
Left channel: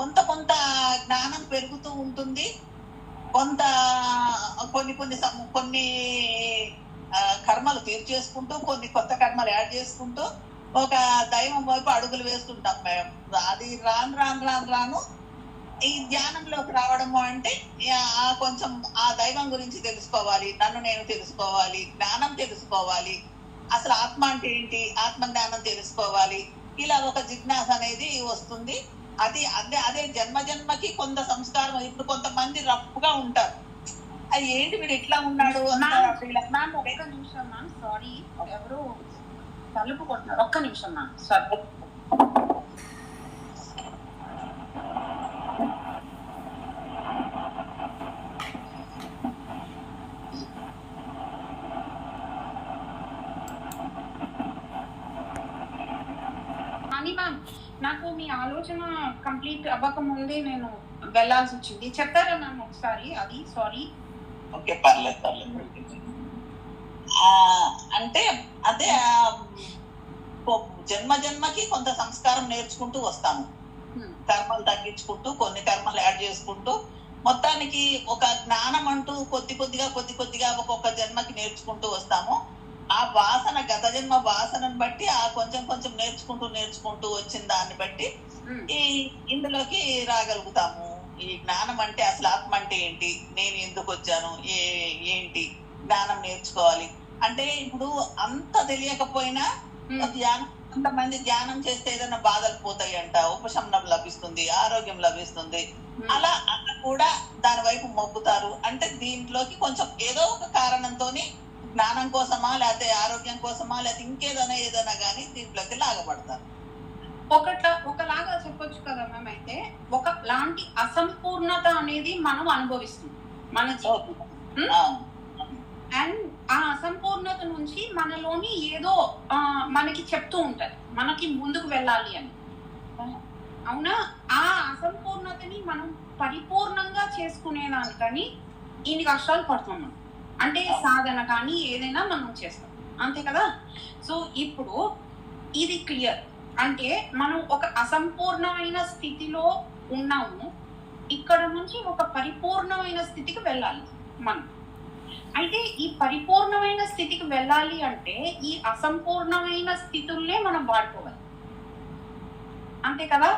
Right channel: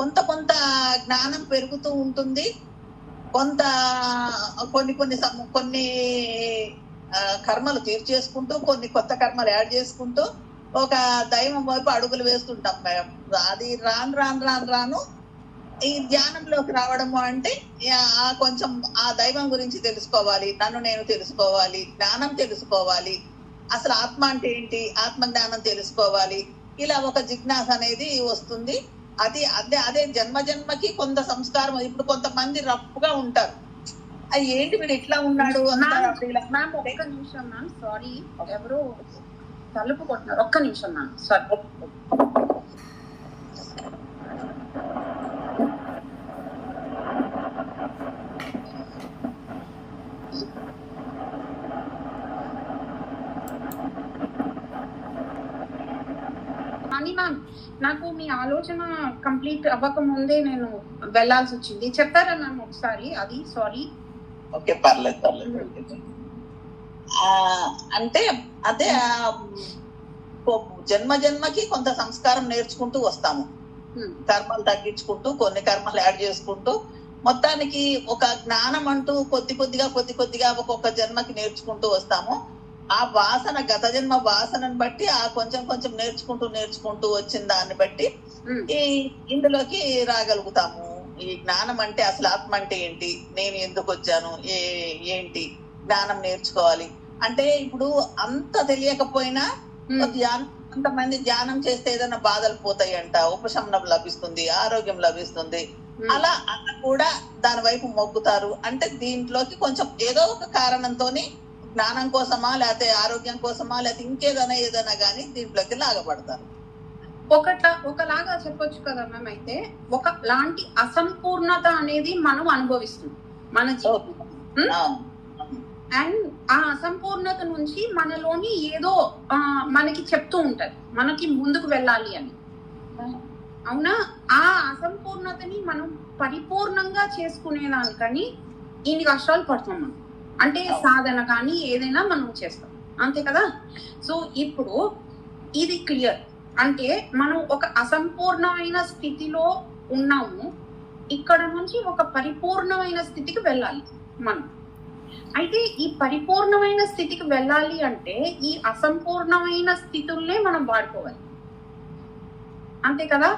కొంత జ్ఞానం పెరుగుతూ ఉంటుంది, కొంత కొన్ని కర్మలు తీర్చేసుకుంటూ కొన్ని కొత్త కర్మలు యాడ్ చేసుకుంటూ ఒక దైవం వైపు అడుగులు వేస్తుంటాం మేము. అది రాను ఈ ధ్యానంలోకి రావడము అంటే కొంచెం ఆ దైవం గురించి తెలుసుకోవాలి, నన్ను నేను తెలుసుకోవాలి, జ్ఞానం తెలుసుకోవాలి, అసలు ఆత్మ అంటే ఏంటి, ఆత్మ జ్ఞానం తెలుసుకోవాలి. ఇలా ఒక జిజ్ఞాస అనేది వస్తుంది. అదే జన్మకి కొంత సంస్కారం. ఇప్పుడు కొంతమంది రఫ్గా ఉంటారు, అది ఏంటి వీడు ఇట్లా ఉన్నాడు. మ్యామ్ ఒక్క నిమిషం మ్యామ్, సారీ, ఎవరు తలుపు కొట్టినారు, ఒక్క నిమిషం మ్యామ్, సారీ. నాకు మీ ఆలోచన కంప్లీట్ అవ్వక ముందే నేను వెళ్లాల్సి వచ్చింది. చెప్తారా మ్యామ్ ఒకసారి అది? సారీ. ఓకే, పర్లేదు. అంటే అదే జన్మకి కొంత సంస్కారం నేర్చుకుంటూ వస్తాము, కర్మలు తగ్గించుకుంటూ కొన్ని కర్మలు యాడ్ చేసుకుంటూ మొత్తానికి ఒక జ్ఞానం అంటూ కొద్దిగా ఒక్కొక్క జన్మకి నేర్చుకుంటూ వస్తాము. ఆ వాసన గత జన్మ వాసనను బట్టి ఆ కొంచెం నేర్చుకుంటూ వచ్చిన దాన్ని బట్టి ఇందులోకి రాగలుగుతాము. ఈ జ్ఞానం అంటే అసలు ఆత్మ అంటే ఏంటి, నేను ఎందుకు వచ్చాను, ఏంటి జ్ఞానం నేర్చుకోవాలి అంటే ఇప్పుడు అంత తెలియకపోయినా ధ్యానం కొంతమంది ధ్యానం చేస్తే ఏదైనా బాధలు పోతాయంట, ఉపశమనం లభిస్తుంది, ఆరోగ్యం లభిస్తుంది, అలా కూడా దాని వైపు మొగ్గుతారు. అంటే దీంట్లోకి కొంచెం ఏదో ఒక కారణంతోని జ్ఞానం కోసమా, లేకపోతే ఆరోగ్యం కోసమా, లేకపోతే ఏదైనా కానీ దీంట్లోకి లాగబడతారు. ఒకలాగా చెప్పొచ్చు కదా మ్యామ్. అయితే ఒక లాంటి అసంపూర్ణత అనేది మనం అనుభవిస్తాం మన జీవితం. అండ్ ఆ అసంపూర్ణత నుంచి మనలోని ఏదో మనకి చెప్తూ ఉంటది, మనకి ముందుకు వెళ్ళాలి అని. అవునా? ఆ అసంపూర్ణతని మనం పరిపూర్ణంగా చేసుకునేదానికని ఇన్ని కష్టాలు పడుతున్నాం మనం. అంటే సాధన కానీ ఏదైనా మనం చేస్తాం, అంతే కదా. సో ఇప్పుడు ఇది క్లియర్. అంటే మనం ఒక అసంపూర్ణమైన స్థితిలో ఉన్నాము, ఇక్కడ నుంచి ఒక పరిపూర్ణమైన స్థితికి వెళ్ళాలి మనం. అయితే ఈ పరిపూర్ణమైన స్థితికి వెళ్ళాలి అంటే ఈ అసంపూర్ణమైన స్థితుల్నే మనం వాడుకోవాలి, అంతే కదా.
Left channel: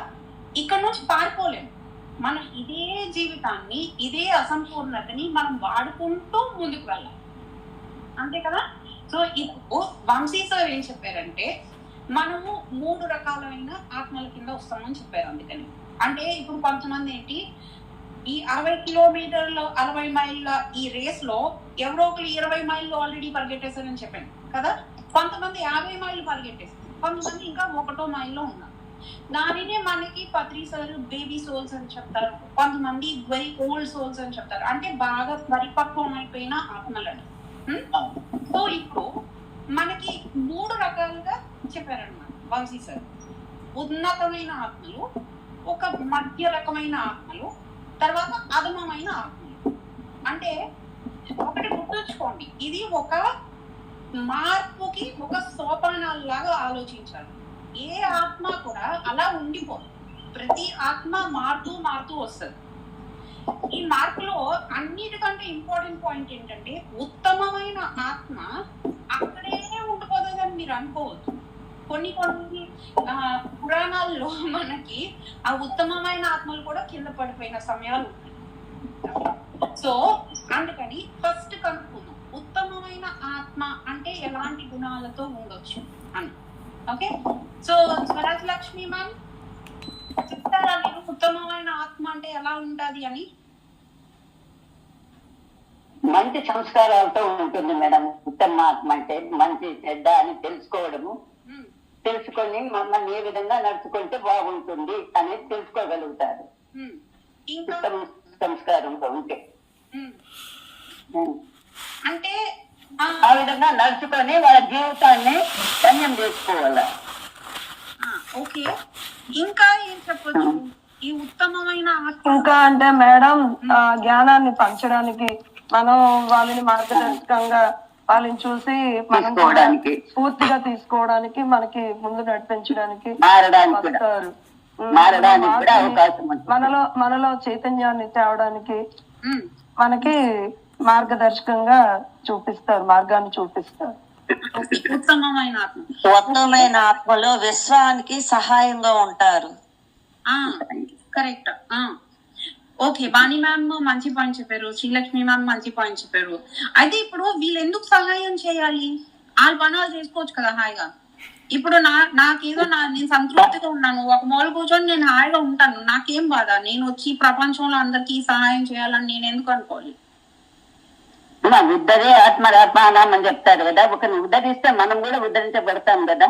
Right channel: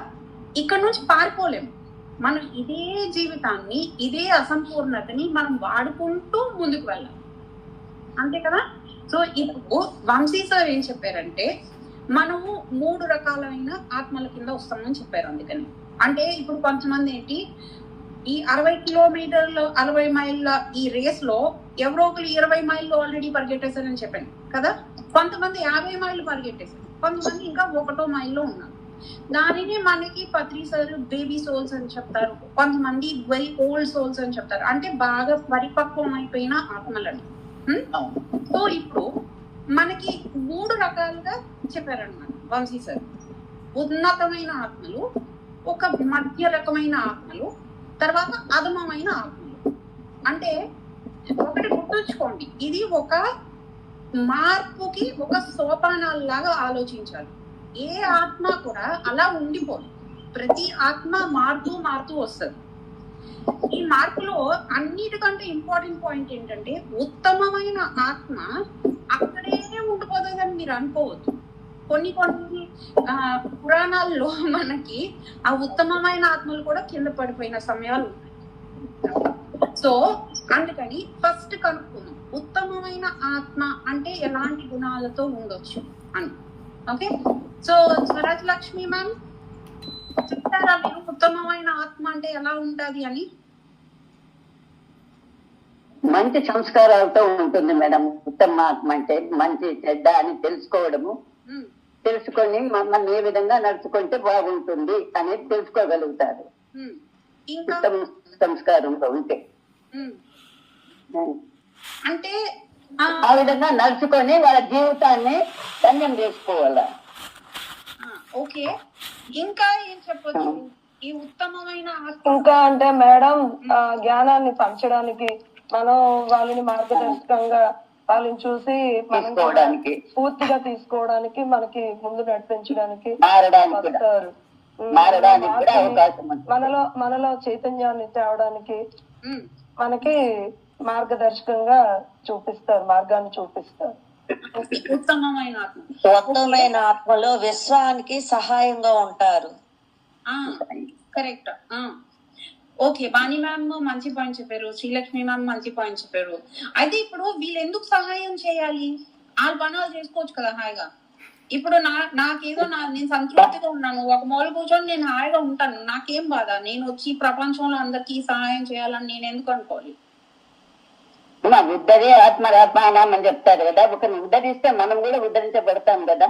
ఇక్కడ నుంచి పారిపోలేము మనం. ఇదే జీవితాన్ని, ఇదే అసంపూర్ణతని మనం వాడుకుంటూ ముందుకు వెళ్ళాలి, అంతే కదా. సో ఇప్పుడు వంశీ సార్ ఏం చెప్పారంటే మనము 3 రకాలైన ఆత్మల కింద వస్తామని చెప్పారు. అందుకని అంటే ఇప్పుడు కొంతమంది ఏంటి, ఈ 60 కిలోమీటర్ల 60 మైళ్ళ ఈ రేస్ లో ఎవరో ఒకరు 20 మైళ్ళు ఆల్రెడీ పరిగెట్టేశారని చెప్పాను కదా. కొంతమంది 50 మైళ్ళు పరిగెట్టేశారు, కొంతమంది ఇంకా 1 మైల్లో ఉన్నారు. దానినే మనకి పత్రి సార్ బేబీ సోల్స్ అని చెప్తారు, కొంతమంది వెరీ ఓల్డ్ సోల్స్ అని చెప్తారు, అంటే బాగా పరిపక్వం అయిపోయిన ఆత్మలని. సో ఇప్పుడు మనకి 3 రకాలుగా చెప్పారన్నమాట వంశీ సార్. ఉన్నతమైన ఆత్మలు, ఒక మధ్య రకమైన ఆత్మలు, తర్వాత అధమమైన ఆత్మలు. అంటే ఒకటి గుర్తుంచుకోండి, ఇది ఒక మార్పుకి ఒక సోపానాల్లాగా ఆలోచించాలి. ఏ ఆత్మ కూడా అలా ఉండిపోదు, ప్రతి ఆత్మ మారుతూ మారుతూ వస్తుంది. ఈ మార్పులో అన్నిటికంటే ఇంపార్టెంట్ పాయింట్ ఏంటంటే ఉత్తమమైన ఆత్మ అక్కడే ఉండిపోతుందని మీరు అనుకోవద్దు. కొన్ని పురాణాల్లో మనకి ఆ ఉత్తమమైన ఆత్మలు కూడా కింద పడిపోయిన సమయాలు ఉంటాయి. సో అందుకని ఫస్ట్ కనుక్కుందాం ఉత్తమమైన ఆత్మ అంటే ఎలాంటి గుణాలతో ఉండొచ్చు అని. Okay, so Swaraj Lakshmi ma'am చెప్తారా మీరు ఉత్తమమైన ఆత్మ అంటే ఎలా ఉంటది అని? మంచి సంస్కారాలతో ఉంటుంది మేడం. ఉత్తమ ఆత్మ అంటే మంచి చెడ్డ అని తెలుసుకోవడము, తెలుసుకొని మమ్మల్ని ఏ విధంగా నడుచుకుంటే బాగుంటుంది అనేది తెలుసుకోగలుగుతారు ఉత్తమ సంస్కారంలో ఉంటే. అంటే ఆ విధంగా నడుచుకొని వాళ్ళ జీవితాన్ని ధన్యం చేసుకోవాలి. ఓకే, ఇంకా ఏం చెప్పొచ్చు ఈ ఉత్తమమైన ఆత్మ? ఇంకా అంటే మేడం జ్ఞానాన్ని పంచడానికి మనం వాళ్ళని మార్గదర్శకంగా వాళ్ళని చూసి మనం పూర్తిగా తీసుకోవడానికి మనకి ముందు నడిపించడానికి వస్తారు. మనలో చైతన్యాన్ని తేవడానికి మనకి మార్గదర్శకంగా చూపిస్తారు, మార్గాన్ని చూపిస్తారు. ఉత్తమమైన ఆత్మలో విశ్వానికి సహాయంగా ఉంటారు. కరెక్ట్. ఓకే, వాణి మ్యామ్ మంచి పాయింట్ చెప్పారు, శ్రీలక్ష్మి మ్యామ్ మంచి పాయింట్ చెప్పారు. అయితే ఇప్పుడు వీళ్ళు ఎందుకు సహాయం చేయాలి? వాళ్ళ పనులు చేసుకోవచ్చు కదా హాయిగా. ఇప్పుడు నాకేదో నేను సంతృప్తిగా ఉన్నాను, ఒక మూల కూర్చొని నేను హాయిగా ఉంటాను, నాకేం బాధ? నేను వచ్చి ప్రపంచంలో అందరికీ సహాయం చేయాలని నేను ఎందుకు అనుకోవాలి? ఉద్ధరే ఆత్మరాత్మానం అని చెప్తారు కదా, ఒకరిని ఉద్ధరిస్తే మనం కూడా ఉద్ధరించబడతాం కదా,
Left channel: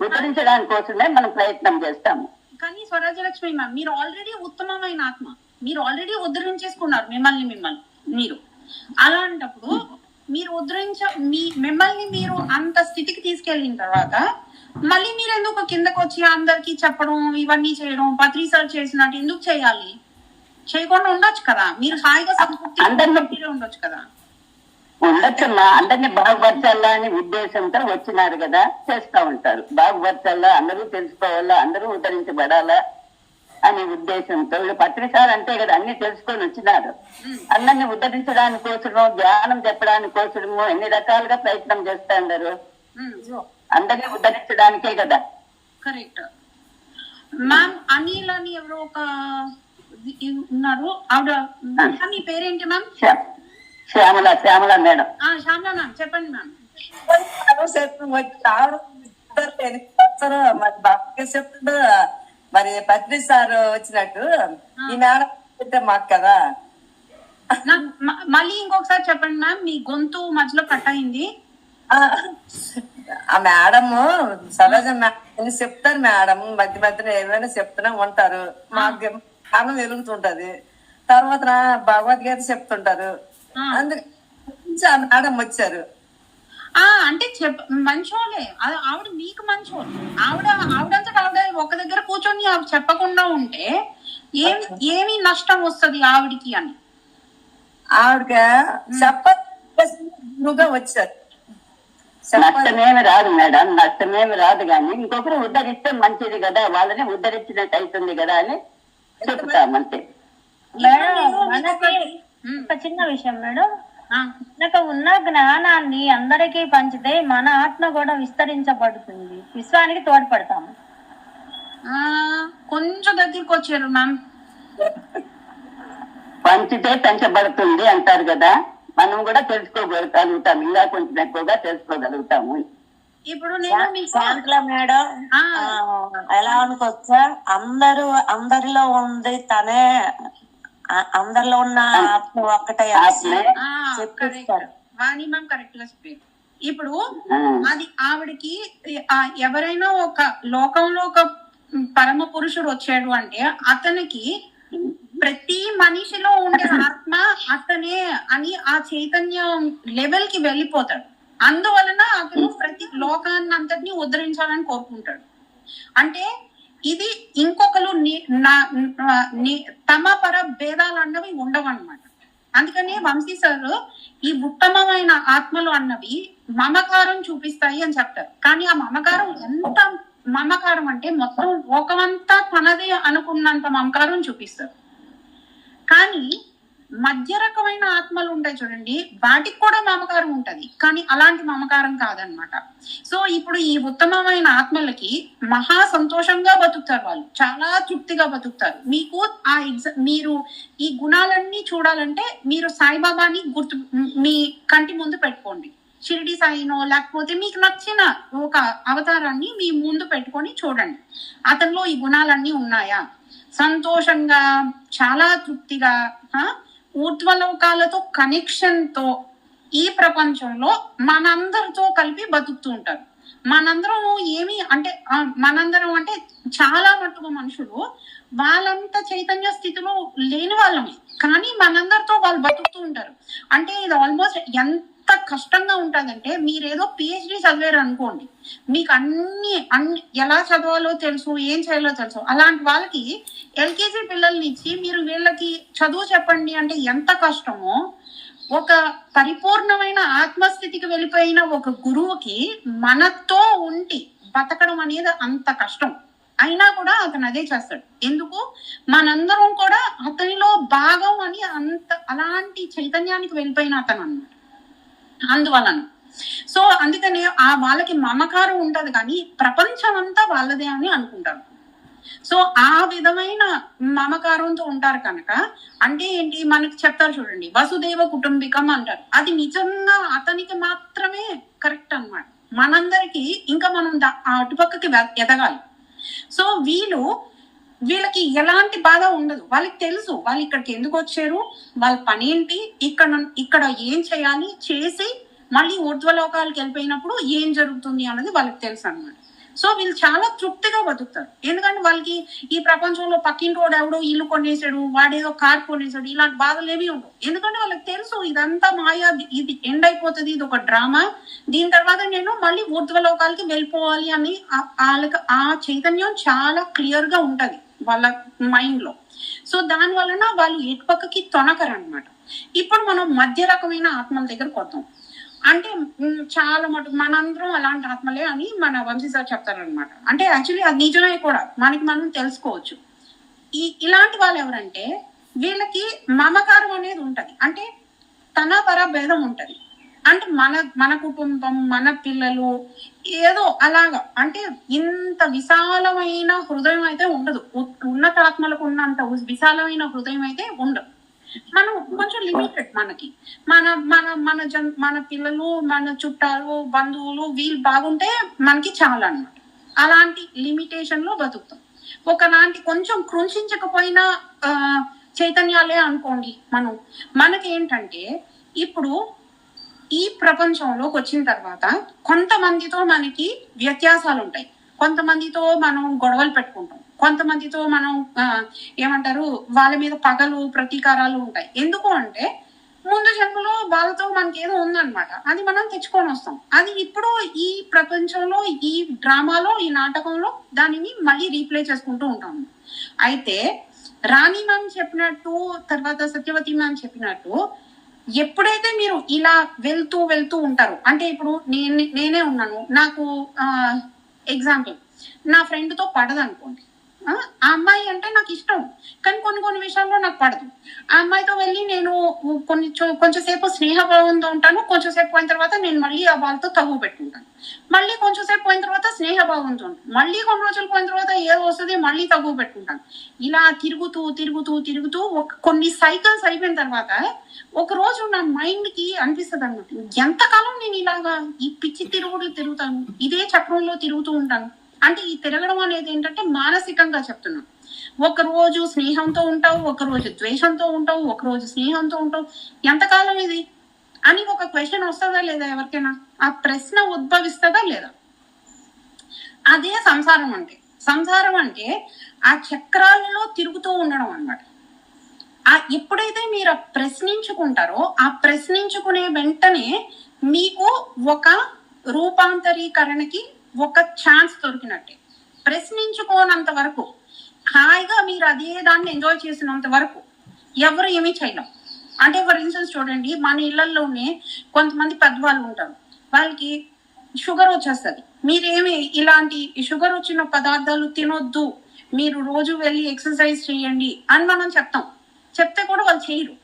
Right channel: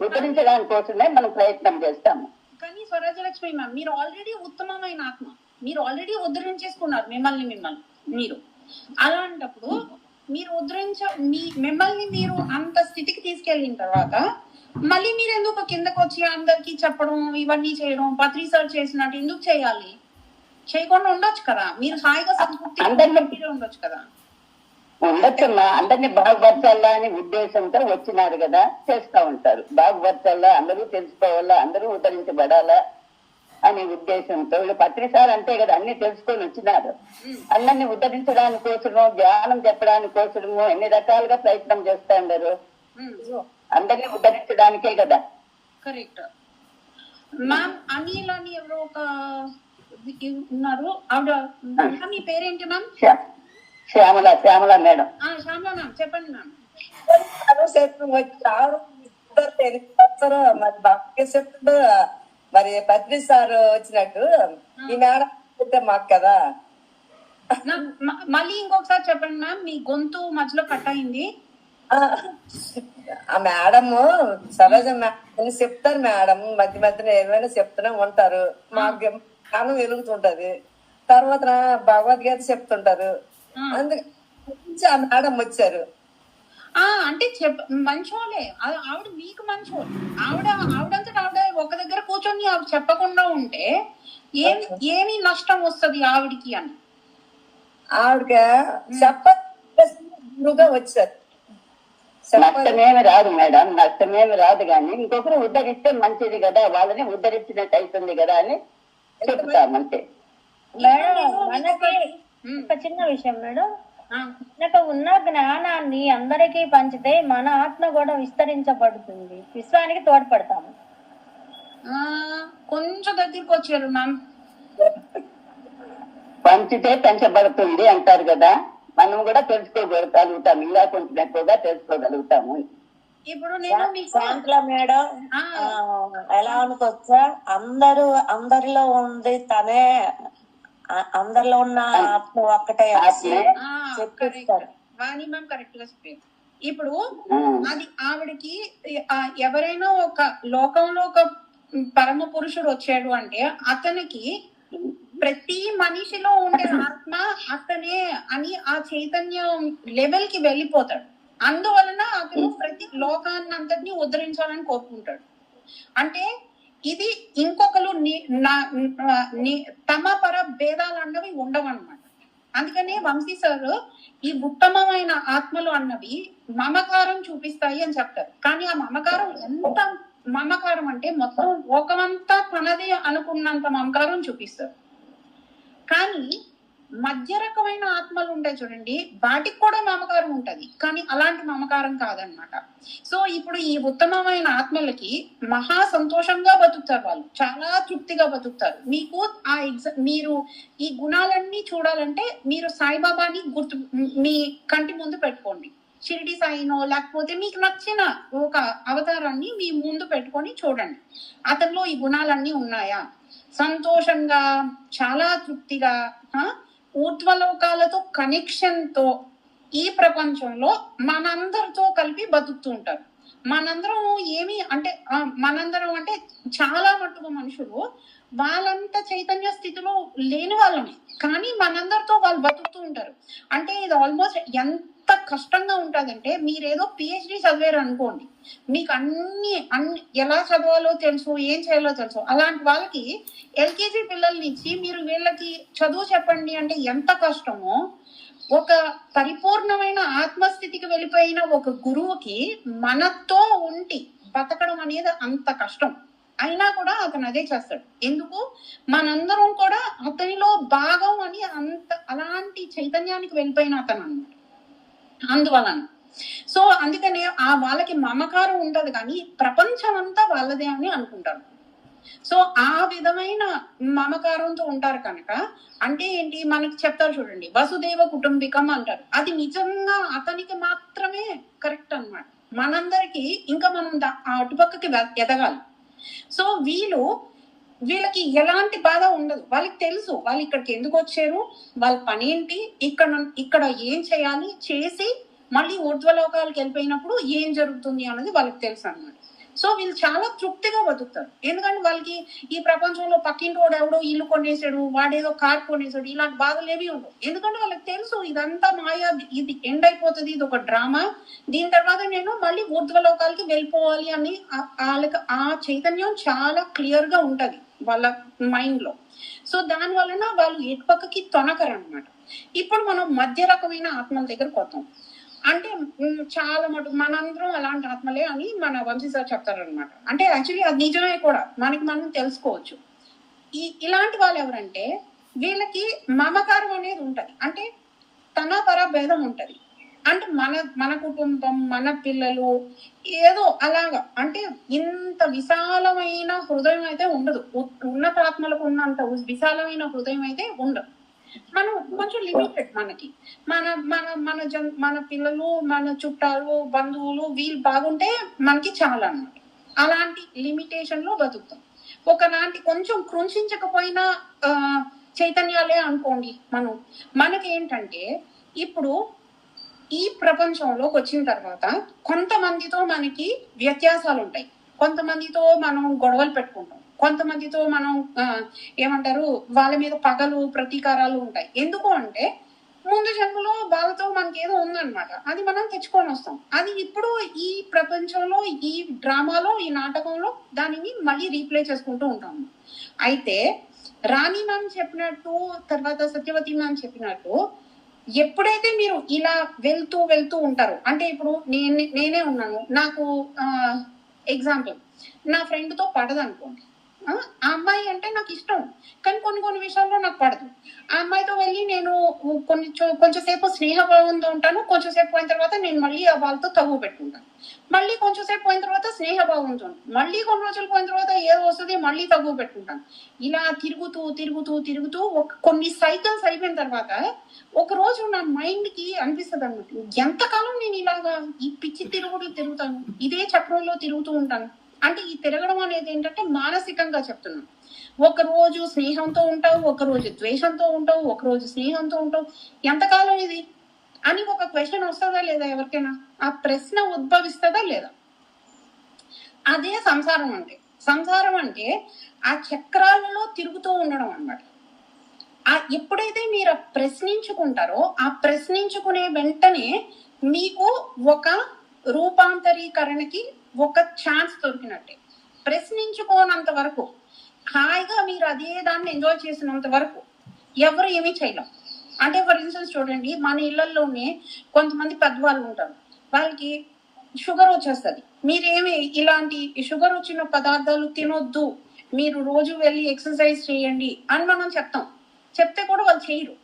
ఉద్ధరించడానికి కోసమే మనం ప్రయత్నం చేస్తాము. కానీ స్వరాజ్యలక్ష్మి మ్యామ్ మీరు ఆల్రెడీ ఉత్తమమైన ఆత్మ, మీరు ఆల్రెడీ ఉద్ధరించేసుకున్నారు మిమ్మల్ని మీరు. అలాంటప్పుడు మీరు మిమ్మల్ని మీరు అంత స్థితికి తీసుకెళ్ళిన తర్వాత మళ్ళీ మీరు ఎందుకు కిందకు వచ్చి అందరికి చెప్పడం ఇవన్నీ చేయడం పత్రి సార్ చేసినట్టు ఎందుకు చేయాలి? చేయకుండా ఉండొచ్చు కదా, మీరు హాయిగా సంతృప్తి ఉండొచ్చు కదా. ఉండొచ్చమ్మా, అందరినీ బాగుపరచాలా అని ఉద్దేశంతో వచ్చినారు కదా, చేస్తా ఉంటారు. బాగుపరచాలా, అందరూ తెలుసుకోవాలా, అందరూ ఉద్ధరించబడాలా అనే ఉద్దేశంతో పత్రిసార్ అంతే కదా, అన్ని తెలుసుకొని వచ్చినారు. అందరినీ ఉద్ధరించడానికి కోసము, ధ్యానం చెప్పడానికి కోసము ఎన్ని రకాలుగా ప్రయత్నం చేస్తా ఉన్నారు. అందరినీ ఉద్ధరించడానికే కదా. Correct ma'am. అనిల్ అని ఎవరో ఒక ఉన్నారు, ఆవిడ మీ పేరేంటి ma'am? Shyamala madam. Shyamala ma'am చెప్పండి మ్యామ్. చెప్తారు చెప్తారు మరి బాగా చెప్తాడు. మరి పత్రి సార్ వచ్చినట్టు ఈ మేడం చెప్తే మాకు కదా. మళ్ళీ ఇంకొకసారి చెప్పండి మ్యామ్, మీ గొంతు మధ్యలో కట్ అయింది. ఆ మేడము సరోజ మేడం చెప్తారు. మేడం మధ్య మధ్యలో ఏమైనా చెప్తూనే ఉంటారు. మాకు జ్ఞానం వెలుగుతుంటది. తర్వాత భగవద్గీత చెప్తుంటారు. అందుకే ఆ మేడం వచ్చారు. అంటే మంచోలే, ఆవిడ మీకు మంచోళ్ళు. ఆవిడంతటా ఆవిడ ఒక దగ్గర కూర్చొని చెప్పకుండా ఉంటే ఏమి నష్టం వస్తుంది ఆవిడికి అని ఆవిడకి చెప్పగా వచ్చారు. నష్టమేమి రాదు మేడం, నష్టమేమి రాదు. కానీ ఇంకొకరు ఉద్ధరిస్తే మంచిది కదా, వాళ్ళని ఉద్ధరించినట్టు అవుతుంది కదా అని చెప్తామంతే. మేడం మనకి ఒక చిన్న విషయం మేడం, మనకు ఉన్న జ్ఞానాన్ని అందరికీ పంచితే మన ఆత్మ కూడా విస్తరించబడుతుంది, విశ్వానికి తోడ్పడతాము. కొంచెం దగ్గరికి వచ్చారు మ్యామ్. పంచితే పెంచబడుతుంది అంటారు కదా, మనం కూడా తెలుసుకోగలుగుతాం, ఇంకా కొంచెం ఎక్కువగా తెలుసుకోగలుగుతాము. ఇప్పుడు నేను శాంతల మేడం ఎలా అనుకోవచ్చా, అందరిలో ఉంది తనే, అందరిలో ఉన్న ఆత్మ ఒక్కటే చెప్పిస్తారు. వాణి మ్యామ్ కరెక్ట్ గా చెప్పారు. ఇప్పుడు అది ఆవిడకి ఎవరైనా ఒక లోకంలో ఒక పరమ పురుషుడు వచ్చాడు అంటే అతనికి ప్రతి మనిషిలో ఉండే ఆత్మ అతనే అని ఆ చైతన్యం లెవెల్ కి వెళ్ళిపోతాడు. అందువలన అతను ప్రతి లోకాన్ని అంతటినీ ఉద్ధరించాలని కోరుకుంటాడు. అంటే ఇది ఇంకొకరు తమ పర భేదాలు అన్నవి ఉండవన్నమాట. అందుకనే వంశీ సార్ ఈ ఉత్తమమైన ఆత్మలు అన్నవి మమకారం చూపిస్తాయి అని చెప్తారు. కానీ ఆ మమకారం ఎంత మమకారం అంటే మొత్తం లోకమంతా తనదే అనుకున్నంత మమకారం చూపిస్తారు. కానీ మధ్య రకమైన ఆత్మలు ఉంటాయి చూడండి, వాటికి కూడా మమకారం ఉంటది, కానీ అలాంటి మమకారం కాదనమాట. సో ఇప్పుడు ఈ ఉత్తమమైన ఆత్మలకి మహా సంతోషంగా బతుకుతారు, వాళ్ళు చాలా తృప్తిగా బతుకుతారు. మీకు మీరు ఈ గుణాలన్నీ చూడాలంటే మీరు సాయిబాబాని మీ కంటి ముందు పెట్టుకోండి. షిరిడి సాయినో లేకపోతే మీకు నచ్చిన ఒక అవతారాన్ని మీ ముందు పెట్టుకొని చూడండి, అతనిలో ఈ గుణాలన్నీ ఉన్నాయా. సంతోషంగా, చాలా తృప్తిగా, ఊర్ధ్వలోకాలతో కనెక్షన్ తో ఈ ప్రపంచంలో మనందరితో కలిపి బతుకుతూ ఉంటారు. మనందరం మనందరం అంటే చాలా మట్టుగా మనుషులు వాళ్ళంత చైతన్య స్థితిలో లేని వాళ్ళమే, కానీ మనందరితో వాళ్ళు బతుకుతూ ఉంటారు. అంటే ఇది ఆల్మోస్ట్ ఎంత కష్టంగా ఉంటుందంటే, మీరేదో పిహెచ్డి చదివారు అనుకోండి, మీకు అన్ని ఎలా చదవాలో తెలుసు, ఏం చేయాలో తెలుసు. అలాంటి వాళ్ళకి ఎల్కేజీ పిల్లల్ని ఇచ్చి మీరు వీళ్ళకి చదువు చెప్పండి అంటే ఎంత కష్టమో, ఒక పరిపూర్ణమైన ఆత్మస్థితికి వెళ్ళిపోయిన ఒక గురువుకి మనతో ఉండి బతకడం అనేది అంత కష్టం. అయినా కూడా అతను అదే చేస్తాడు. ఎందుకు? మనందరం కూడా అతనిలో భాగం అని అలాంటి చైతన్యానికి వెళ్ళిపోయిన అతను అన్నమాట. అందువలన సో అందుకనే వాళ్ళకి మమకారం ఉంటది, కానీ ప్రపంచం అంతా వాళ్ళదే అని అనుకుంటారు. సో ఆ విధమైన మమకారంతో ఉంటారు కనుక, అంటే ఏంటి మనకి చెప్తారు చూడండి, వసుదేవ కుటుంబికం అంటారు. అది నిజంగా అతనికి మాత్రమే కరెక్ట్ అన్నమాట. మనందరికి ఇంకా మనం అటుపక్కకి ఎదగాలి. సో వీళ్ళకి ఎలాంటి బాధ ఉండదు. వాళ్ళకి తెలుసు వాళ్ళు ఇక్కడికి ఎందుకు వచ్చారు, వాళ్ళ పని ఏంటి, ఇక్కడ ఏం చేయాలి, చేసి మళ్ళీ ఊర్ధ్వలోకాలకు వెళ్ళిపోయినప్పుడు ఏం జరుగుతుంది అన్నది వాళ్ళకి తెలుసు అన్నమాట. సో వీళ్ళు చాలా తృప్తిగా బతుకుతారు. ఎందుకంటే వాళ్ళకి ఈ ప్రపంచంలో పక్కింటోడు ఎవడో ఇల్లు కొనేసాడు, వాడేదో కార్ కొనేసాడు, ఇలాంటి బాధలు ఏమీ ఉండవు. ఎందుకంటే వాళ్ళకి తెలుసు ఇదంతా మాయా, ఇది ఎండ్ అయిపోతుంది, ఇది ఒక డ్రామా, దీని తర్వాత నేను మళ్ళీ ఊర్ధ్వలోకాలకి వెళ్ళిపోవాలి అని వాళ్ళకి ఆ చైతన్యం చాలా క్లియర్ గా ఉంటది వాళ్ళ మైండ్ లో. సో దాని వలన వాళ్ళు ఎటు పక్కకి తొనకరు అనమాట. ఇప్పుడు మనం మధ్య రకమైన ఆత్మల దగ్గరకు వద్దాం. అంటే చాలా మటుకు మనందరం అలాంటి ఆత్మలే అని మన వంశీ సార్ చెప్తారనమాట. అంటే యాక్చువల్లీ అది నిజమే కూడా, మనకి మనం తెలుసుకోవచ్చు. ఇలాంటి వాళ్ళు ఎవరంటే వీళ్ళకి మమకారం అనేది ఉంటది, అంటే తన పర భేదం ఉంటది. అంటే మన కుటుంబం, మన పిల్లలు ఏదో అలాగా, అంటే ఇంత విశాలమైన హృదయం అయితే ఉండదు. ఉన్నతాత్మలకు ఉన్నంత విశాలమైన హృదయం అయితే ఉండదు. మనం కొంచెం లిమిటెడ్ మనకి మన మన మన మన పిల్లలు, మన చుట్టాలు, బంధువులు వీళ్ళు బాగుంటే మనకి చాలా అన్నమాట. అలాంటి లిమిటేషన్ లో బతుకుతాం. ఒకలాంటి కొంచెం కృంశించకపోయినా చైతన్యాలే అనుకోండి. మనకి ఏంటంటే ఇప్పుడు ఈ ప్రపంచంలోకి వచ్చిన తర్వాత కొంతమందితో మనకి వ్యత్యాసాలు ఉంటాయి, కొంతమందితో మనం గొడవలు పెట్టుకుంటాం, కొంతమందితో మనం ఏమంటారు వాళ్ళ మీద పగలు ప్రతీకారాలు ఉంటాయి. ఎందుకు అంటే ముందు జన్మలో వాళ్ళతో మనకి ఏదో ఉందన్నమాట, అది మనం తెచ్చుకొని వస్తాం. అది ఇప్పుడు ఈ ప్రపంచంలో, ఈ డ్రామాలో, ఈ నాటకంలో దానిని మళ్ళీ రీప్లే చేసుకుంటూ ఉంటాము. అయితే రాణి మ్యామ్ చెప్పినట్టు, తర్వాత సత్యవతి మ్యామ్ చెప్పినట్టు, ఎప్పుడైతే మీరు ఇలా వెళ్తూ ఉంటారు అంటే ఇప్పుడు నేనే ఉన్నాను, నాకు ఎగ్జాంపుల్ నా ఫ్రెండ్ తో పడదు అనుకోండి, ఆ అమ్మాయి అంటే నాకు ఇష్టం కానీ కొన్ని విషయాల్లో నాకు పడదు. ఆ అమ్మాయితో వెళ్ళి నేను కొంచెంసేపు స్నేహభావంతో ఉంటాను, కొంచెంసేపు పోయిన తర్వాత నేను మళ్ళీ ఆ వాళ్ళతో తగ్గు పెట్టుకుంటాను, మళ్ళీ కొంచెంసేపు పోయిన తర్వాత స్నేహభావంతో ఉంటాను, మళ్ళీ కొన్ని రోజులు పోయిన తర్వాత ఏదో వస్తుంది మళ్ళీ తగ్గు పెట్టుకుంటాను. ఇలా తిరుగుతూ కొన్ని సైకిల్స్ అయిపోయిన తర్వాత ఒక రోజు నా మైండ్ కి అనిపిస్తుంది అన్నమాట, ఎంతకాలం నేను ఇలాగా ఈ పిచ్చి తిరుగుతాను, ఇదే చక్రంలో తిరుగుతూ ఉంటాను. అంటే ఈ తిరగడం అనేది ఏంటంటే మానసికంగా చెప్తున్నాను. ఒక రోజు స్నేహంతో ఉంటావు, ఒక రోజు ద్వేషంతో ఉంటావు, ఒక రోజు స్నేహంతో ఉంటావు, ఎంతకాలం ఇది అని ఒక క్వశ్చన్ వస్తుందా లేదా ఎవరికైనా? ఆ ప్రశ్న ఉద్భవిస్తుందా లేదా? అదే సంసారం అంటే ఆ చక్రాలలో తిరుగుతూ ఉండడం అన్నమాట. ఎప్పుడైతే మీరు ప్రశ్నించుకుంటారో, ఆ ప్రశ్నించుకునే వెంటనే మీకు ఒక రూపాంతరీకరణకి ఒక ఛాన్స్ దొరికినట్టే. ప్రశ్నించుకోనంత వరకు, హాయిగా మీరు అదే దాన్ని ఎంజాయ్ చేసినంత వరకు ఎవరు ఏమీ చేయలేం. అంటే ఫర్ ఇన్స్టెన్స్ చూడండి, మన ఇళ్లలోనే కొంతమంది పెద్దవాళ్ళు ఉంటారు, వాళ్ళకి షుగర్ వచ్చేస్తుంది. మీరేమి ఇలాంటి షుగర్ వచ్చిన పదార్థాలు తినొద్దు, మీరు రోజు వెళ్ళి ఎక్సర్సైజ్ చేయండి అని మనం చెప్తే కూడా వాళ్ళు చేయరు.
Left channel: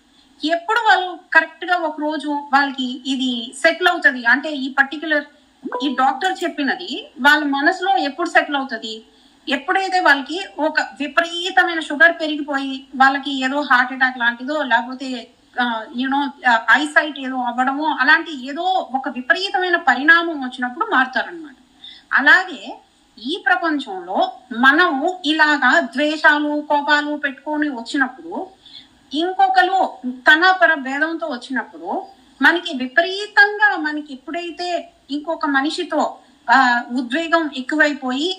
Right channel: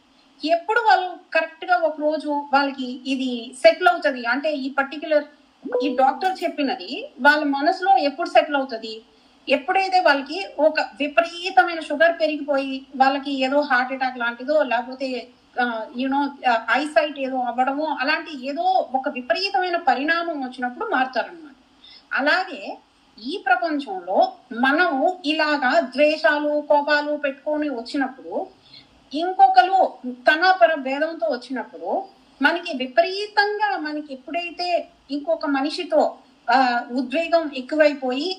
ఎప్పుడు వాళ్ళు కరెక్ట్ గా ఒక రోజు వాళ్ళకి ఇది సెటిల్ అవుతుంది అంటే ఈ డాక్టర్ చెప్పినది వాళ్ళ మనసులో ఎప్పుడు సెటిల్ అవుతుంది? ఎప్పుడైతే వాళ్ళకి ఒక విపరీతమైన షుగర్ పెరిగిపోయి వాళ్ళకి ఏదో హార్ట్ అటాక్ లాంటిదో, లేకపోతే ఐసైట్ ఏదో అవ్వడమో, అలాంటి ఏదో ఒక విపరీతమైన పరిణామం వచ్చినప్పుడు మారుతారనమాట. అలాగే ఈ ప్రపంచంలో మనం ఇలాగా ద్వేషాలు, కోపాలు పెట్టుకొని వచ్చినప్పుడు, ఇంకొకరు తన పర భేదంతో వచ్చినప్పుడు, మనకి విపరీతంగా మనకి ఎప్పుడైతే ఇంకొక మనిషితో ఉద్వేగం ఎక్కువైపోయి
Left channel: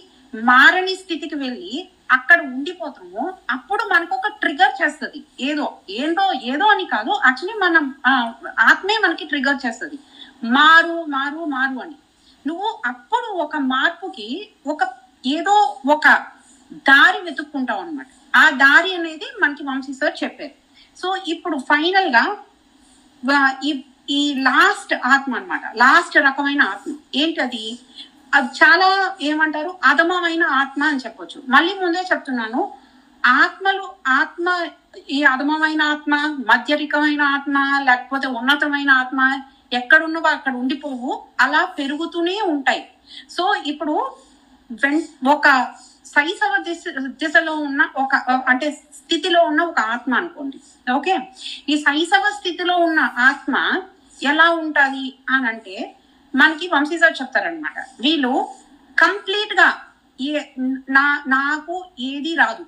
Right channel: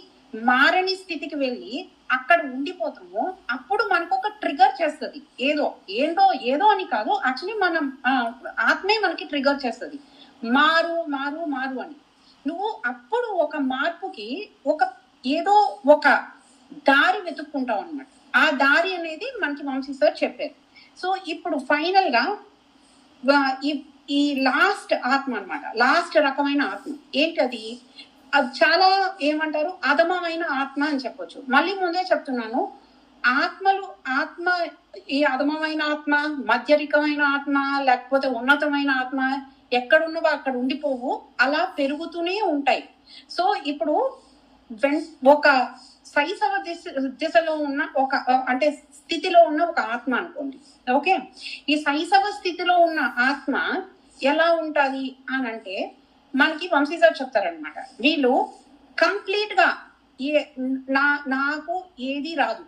మారని స్థితికి వెళ్ళి అక్కడ ఉండిపోతాము, అప్పుడు మనకు ఒక ట్రిగర్ చేస్తుంది. ఏదో అని కాదు, యాక్చువల్లీ మనం ఆత్మే మనకి ట్రిగర్ చేస్తుంది, మారు అని. నువ్వు అప్పుడు ఒక మార్పుకి ఒక దారి వెతుక్కుంటావు అనమాట. ఆ దారి అనేది మనకి వంశీ సార్ చెప్పారు. సో ఇప్పుడు ఫైనల్ గా ఈ లాస్ట్ ఆత్మ అన్నమాట, లాస్ట్ రకమైన ఆత్మ ఏంటది? అది చాలా ఏమంటారు, అధమమైన ఆత్మ అని చెప్పొచ్చు. మళ్ళీ ముందే చెప్తున్నాను, ఆత్మ ఈ అధమమైన ఆత్మ, మధ్యరికమైన ఆత్మ, లేకపోతే ఉన్నతమైన ఆత్మ ఎక్కడున్నవో అక్కడ ఉండిపోవు, అలా పెరుగుతూనే ఉంటాయి. సో ఇప్పుడు ఒక శైశవ దిశలో ఉన్న అంటే స్థితిలో ఉన్న ఒక ఆత్మ అనుకోండి, ఓకే. ఈ శైశవ స్థితిలో ఉన్న ఆత్మ ఎలా ఉంటది అని అంటే మనకి వంశీ సార్ చెప్తారనమాట. వీళ్ళు కంప్లీట్ గా నాకు ఏది రాదు,